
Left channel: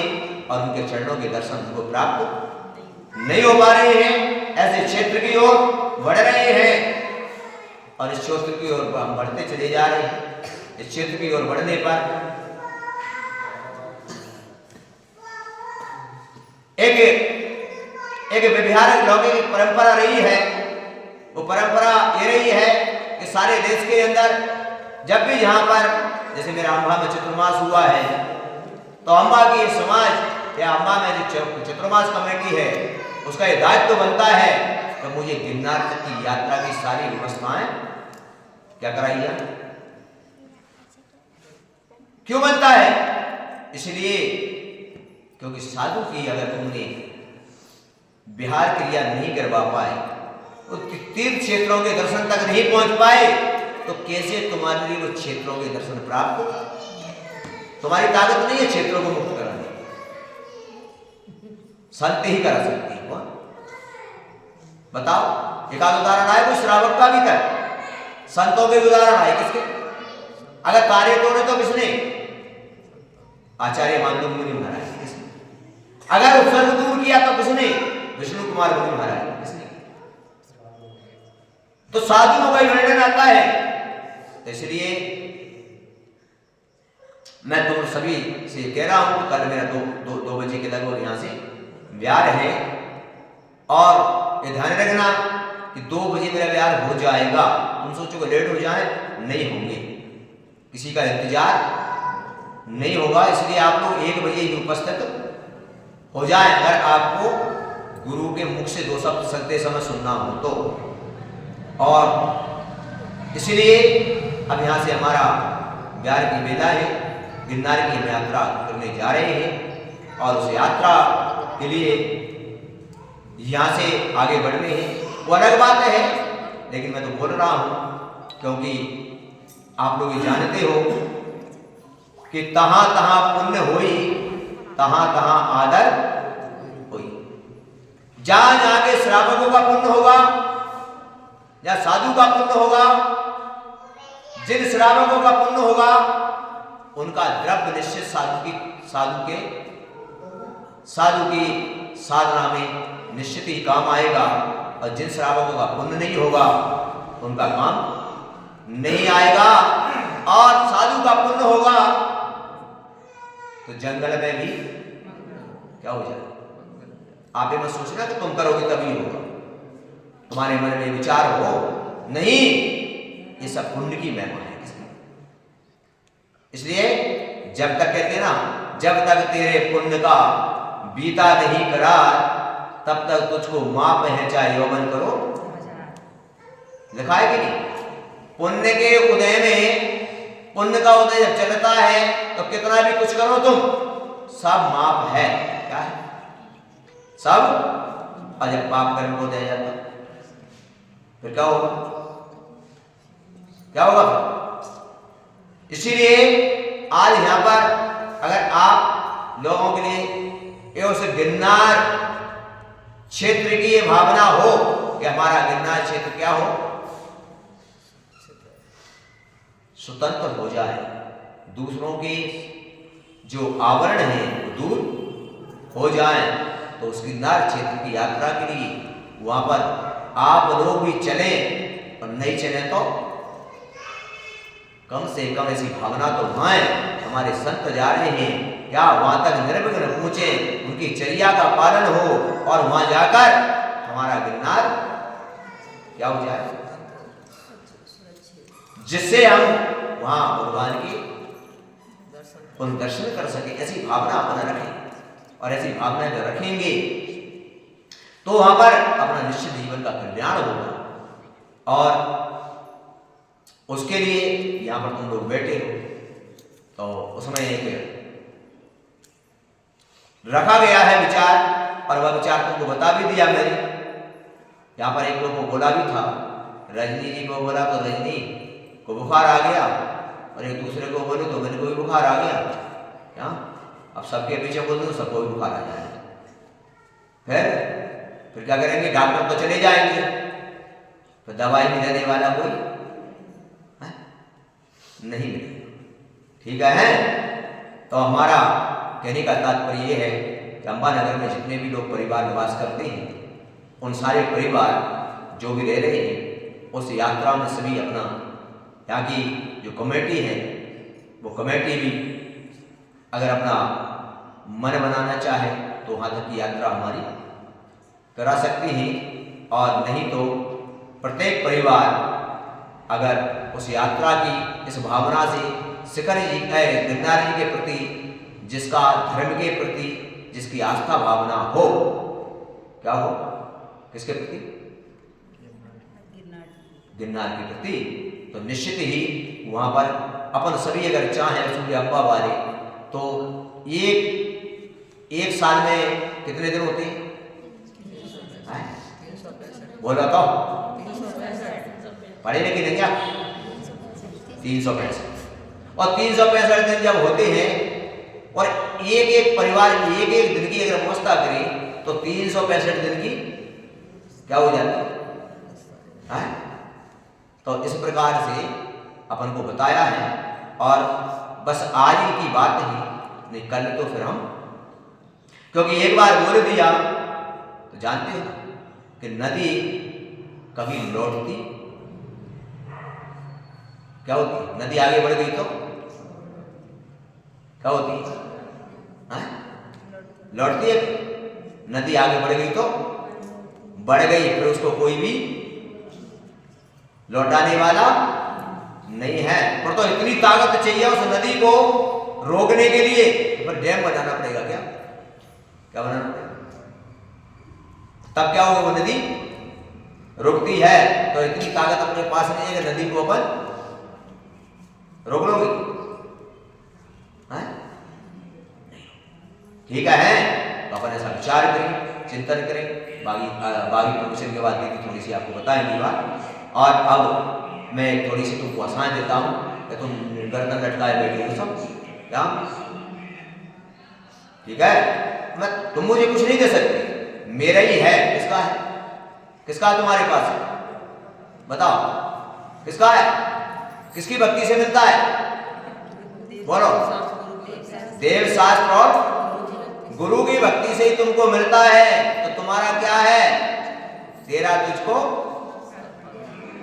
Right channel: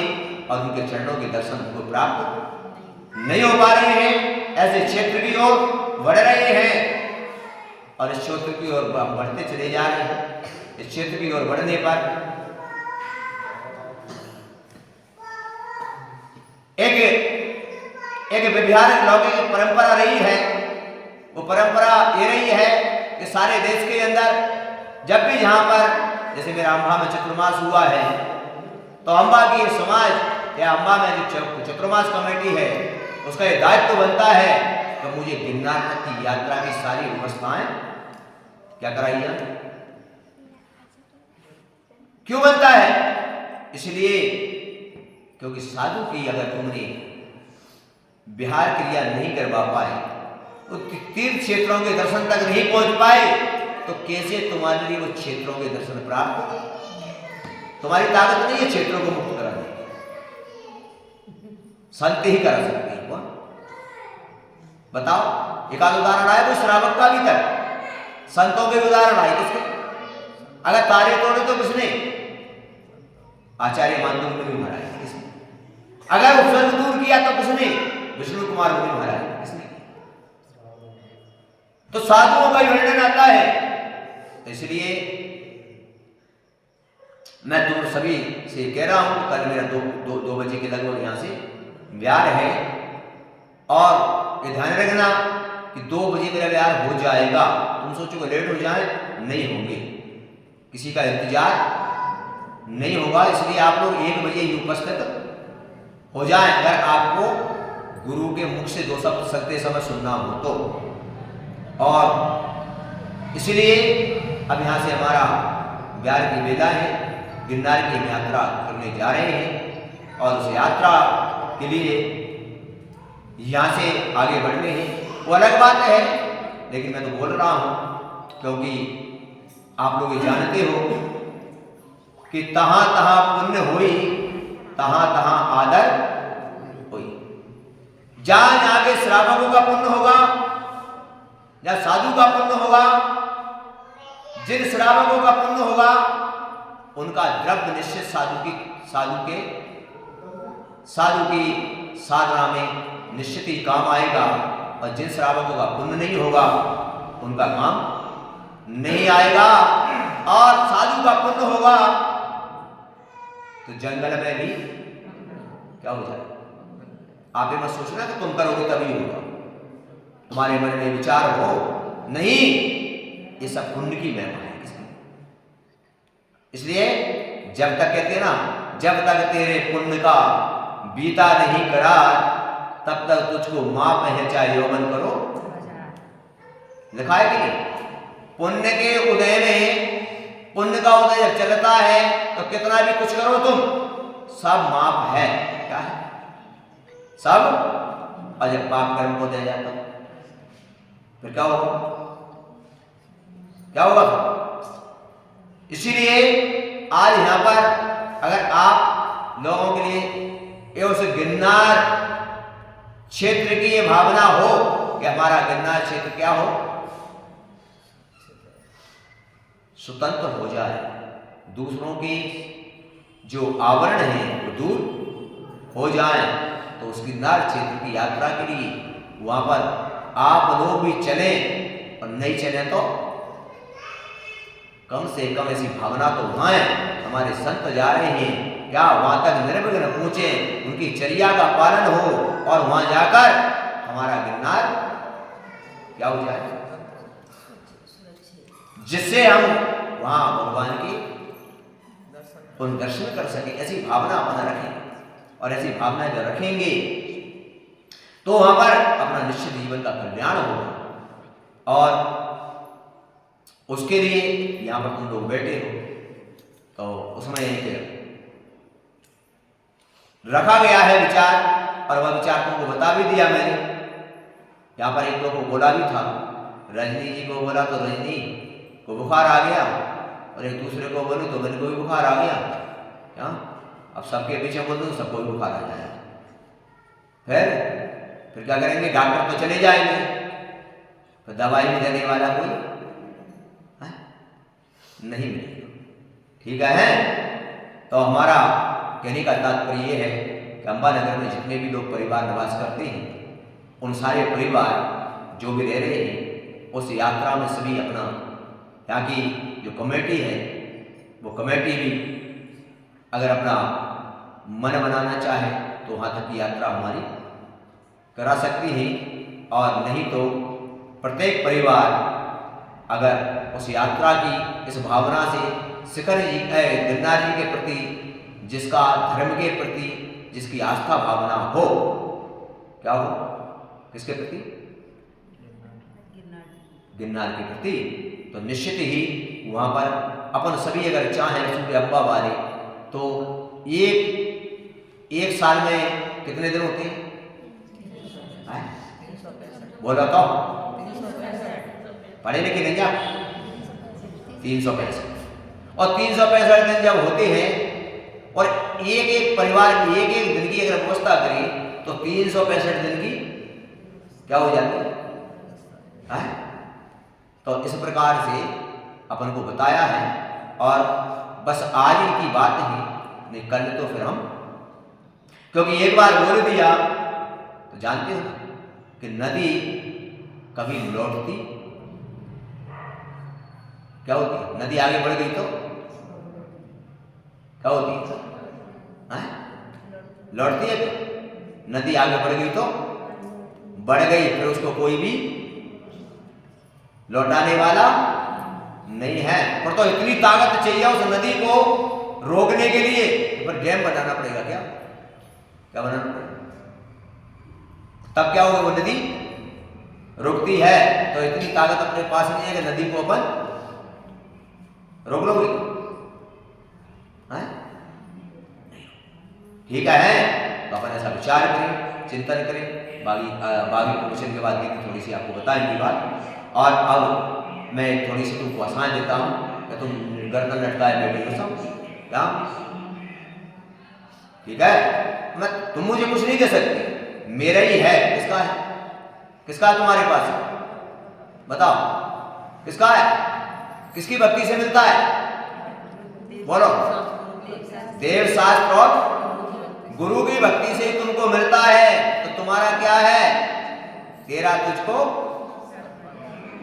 और उनके चरणों के दर्शन को प्राप्त नहीं हो पा रहे हैं, ऐसे क्षेत्र की ओर बढ़ रहे हैं और इस क्षेत्र की ओर हम बढ़ते चले जा रहे हैं। इस क्षेत्र की ओर बढ़ने पर एक व्यवहारिक लौकिक परंपरा रही है। वो परंपरा ये रही है कि सारे देश के अंदर जब भी जहां पर जैसे मेरा अम्बा में चतुर्मास हुआ है तो अम्बा की समाज या अम्बा में जो चतुर्मास कमेटी है उसका ये दायित्व बनता है कि मुझे गिरनार तक की यात्रा की सारी व्यवस्थाएं क्या कराई जाए। क्यों बनता है? इसलिए क्योंकि साधु की अगर तुमने विहार क्रिया नहीं करवा पाए, तीर्थ क्षेत्रों के दर्शन तक नहीं पहुंच पाए, तो कैसे तुम्हारे लिए वो क्षेत्रों के दर्शन प्राप्त? तुम्हारी ताकत नहीं है क्षेत्रों को मुक्त कराने, संत ही करा सकते हैं। वह बताओ, एक आध उदाहरण आए कोई श्रावक का भी कर, संतों के उदाहरण आए किसके? अगर तारे तोड़े तो किसने? आचार्य मानव मुनि महाराज। किसने? अगर उत्सर्ग दूर किया तो किसने? विष्णु कुमार मुनि महाराज। किसने? तो साधुओं का वर्णन आता है। तो इसलिए मैं तुम सभी से कह रहा हूं, कल मेरा दो बजे के लगभग यहां से व्यार है और ये ध्यान रखना कि 2 बजे मेरा व्यार हो जाएगा। तुम सोचो कि लेट हो जाए, नहीं होंगे, किसी का इंतजार नहीं होगा। इसलिए आप लोग 1 बजे ही उपस्थित हो जाएं अगर आपको गुरु के मुख से 2 शब्द चलते समय सुनना हो तो। और इसलिए अब यहाँ से हमारा व्यार की बेला है, गिरनार की हम यात्रा करने जा रहे हैं और उस यात्रा के लिए यहाँ से आगे बढ़ने हैं। वो अलग बात है, लेकिन मैं तो बोल रहा हूँ क्योंकि आप लोग ये जानते हो कि तहां तहां पुण्य होई, तहां तहां आदर होई। जहां जहां के श्रावकों का पुण्य होगा या साधु का पुण्य होगा, जिन श्रावकों का पुण्य होगा उनका द्रव्य निश्चित साधु की साधना में निश्चित ही काम आएगा, और जिन श्रावकों का पुण्य नहीं होगा उनका काम नहीं आएगा। और साधु का पुण्य होगा तो जंगल में भी क्या हो जाए? आप ये मत सोचना कि तुम करोगे तभी होगा, तुम्हारे मन में विचार हो नहीं, ये सब पुण्य की महिमा है। इसलिए जब तक कहते हैं ना, जब तक तेरे पुण्य का बीता नहीं करार, तब तक तुझको माप है चाहे यौवन करो। लिखा है कि नहीं? पुण्य के उदय में, पुण्य का उदय जब चलता है तो कितना भी कुछ करो तुम, सब माप है। क्या है? सब। और जब पाप कर्म को दिया जाता फिर क्या होगा? क्या होगा? इसीलिए आज यहां पर अगर आप लोगों के लिए उस गिरनार क्षेत्र की ये भावना हो कि हमारा गिरनार क्षेत्र क्या हो, स्वतंत्र हो जाए, दूसरों के जो आवरण है वो दूर हो जाए, तो उस गिरनार क्षेत्र की यात्रा के लिए वहां पर आप लोग भी चले, और नहीं चले तो कम से कम ऐसी भावना तो वहां है। हमारे संत जा रहे हैं, क्या वहां तक निर्विघ्न पहुंचे, उनकी चर्या का पालन हो और वहां जाकर हमारा गिरनार क्या हो जाए, जिससे हम वहां भगवान की उन दर्शन कर सके। ऐसी भावना अपन रखें, और ऐसी भावना जब रखेंगे तो वहां पर अपना निश्चित जीवन का कल्याण होगा। और उसके लिए यहां पर तुम लोग बैठे हो तो उसमें एक रखा गया है विचार, और वह विचार तुमको बता भी दिया मैंने। यहां पर एक लोग को बोला भी था, रजनी जी को बोला तो रजनी को बुखार आ गया, और एक दूसरे को बोले तो मेरे को भी बुखार आ गया। क्या अब सबके पीछे बोल दूं, सबको भी बुखार आ जाए, फिर क्या करेंगे? डॉक्टर तो चले जाएंगे, तो दवाई भी देने वाला कोई नहीं मिलेगा। ठीक है? तो हमारा कहने का तात्पर्य यह है कि अम्बानगर में जितने भी लोग परिवार निवास करते हैं, उन सारे परिवार जो भी रह रहे हैं, उस यात्रा में सभी अपना यहाँ की जो कमेटी है, वो कमेटी भी अगर अपना मन बनाना चाहे तो वहाँ तक की यात्रा हमारी करा सकती है, और नहीं तो प्रत्येक परिवार अगर उस यात्रा की इस भावना से गिरनार जी के प्रति, जिसका धर्म के प्रति जिसकी आस्था भावना हो, क्या हो, किसके प्रति, गिरनार के प्रति, तो निश्चित ही वहाँ पर अपन सभी अगर चाहें सूर्य अब्बा वाले, तो एक साल में कितने दिन होते हैं? बोला तो पढ़े लिखे नहीं आप? 365, और 365 दिन जब होते हैं और एक परिवार की एक दिन की अगर व्यवस्था करें तो 365 दिन की क्या हो जाती है? तो इस प्रकार से अपन को बताया है, और बस आज ही की बात नहीं, कल तो फिर हम, क्योंकि एक बार बोल दिया तो जानते हो कि नदी कभी लौटती क्या होती? नदी आगे बढ़ गई तो क्या होती है? लौटती है। नदी आगे बढ़ गई तो बढ़ गई, फिर उसको कोई भी लौटाने वाला नहीं है। पर तो इतनी ताकत चाहिए उस नदी को रोकने के लिए, तो फिर डैम बनाना पड़ेगा। क्या बनाना पड़ेगा? तब क्या होगा? वो नदी रुकती है। तो इतनी ताकत अपने पास नहीं है कि नदी को अपन रोक लोगे? ठीक है, तो अपन ऐसा विचार करें, चिंतन करें। बागी प्रवचन के बाद दीदी थोड़ी सी आपको बताएंगी बात। और अब मैं थोड़ी सी तुमको आसान देता हूँ कि तुम गर्दन लटकाए बैठे हो सब, क्या? ठीक है, तुम मुझे कुछ नहीं दे सकते, मेरा ही है। किसका है? किसका है तुम्हारे पास? बताओ, किसका है? किसकी भक्ति से मिलता है? बोलो। देव शास्त्र और गुरु की भक्ति से ही तुमको मिलता है। तो तुम्हारा क्या है? तेरा तुझको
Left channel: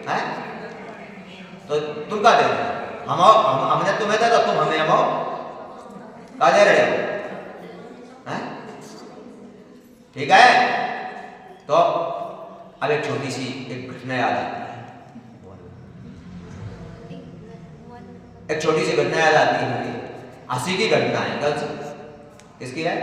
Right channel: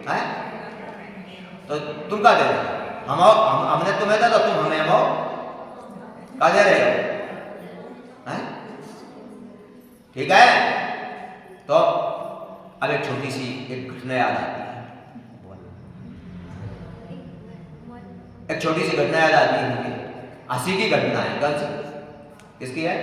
है, तो तुम क्या दे रहे हो? हमने तुम्हें दिया तो तुम हमें हम क्या दे रहे हो? ठीक है, तो अब एक छोटी सी एक घटना याद आती है। एक छोटी सी घटना याद आती है मुझे, हंसी की घटना है। कल से किसकी है?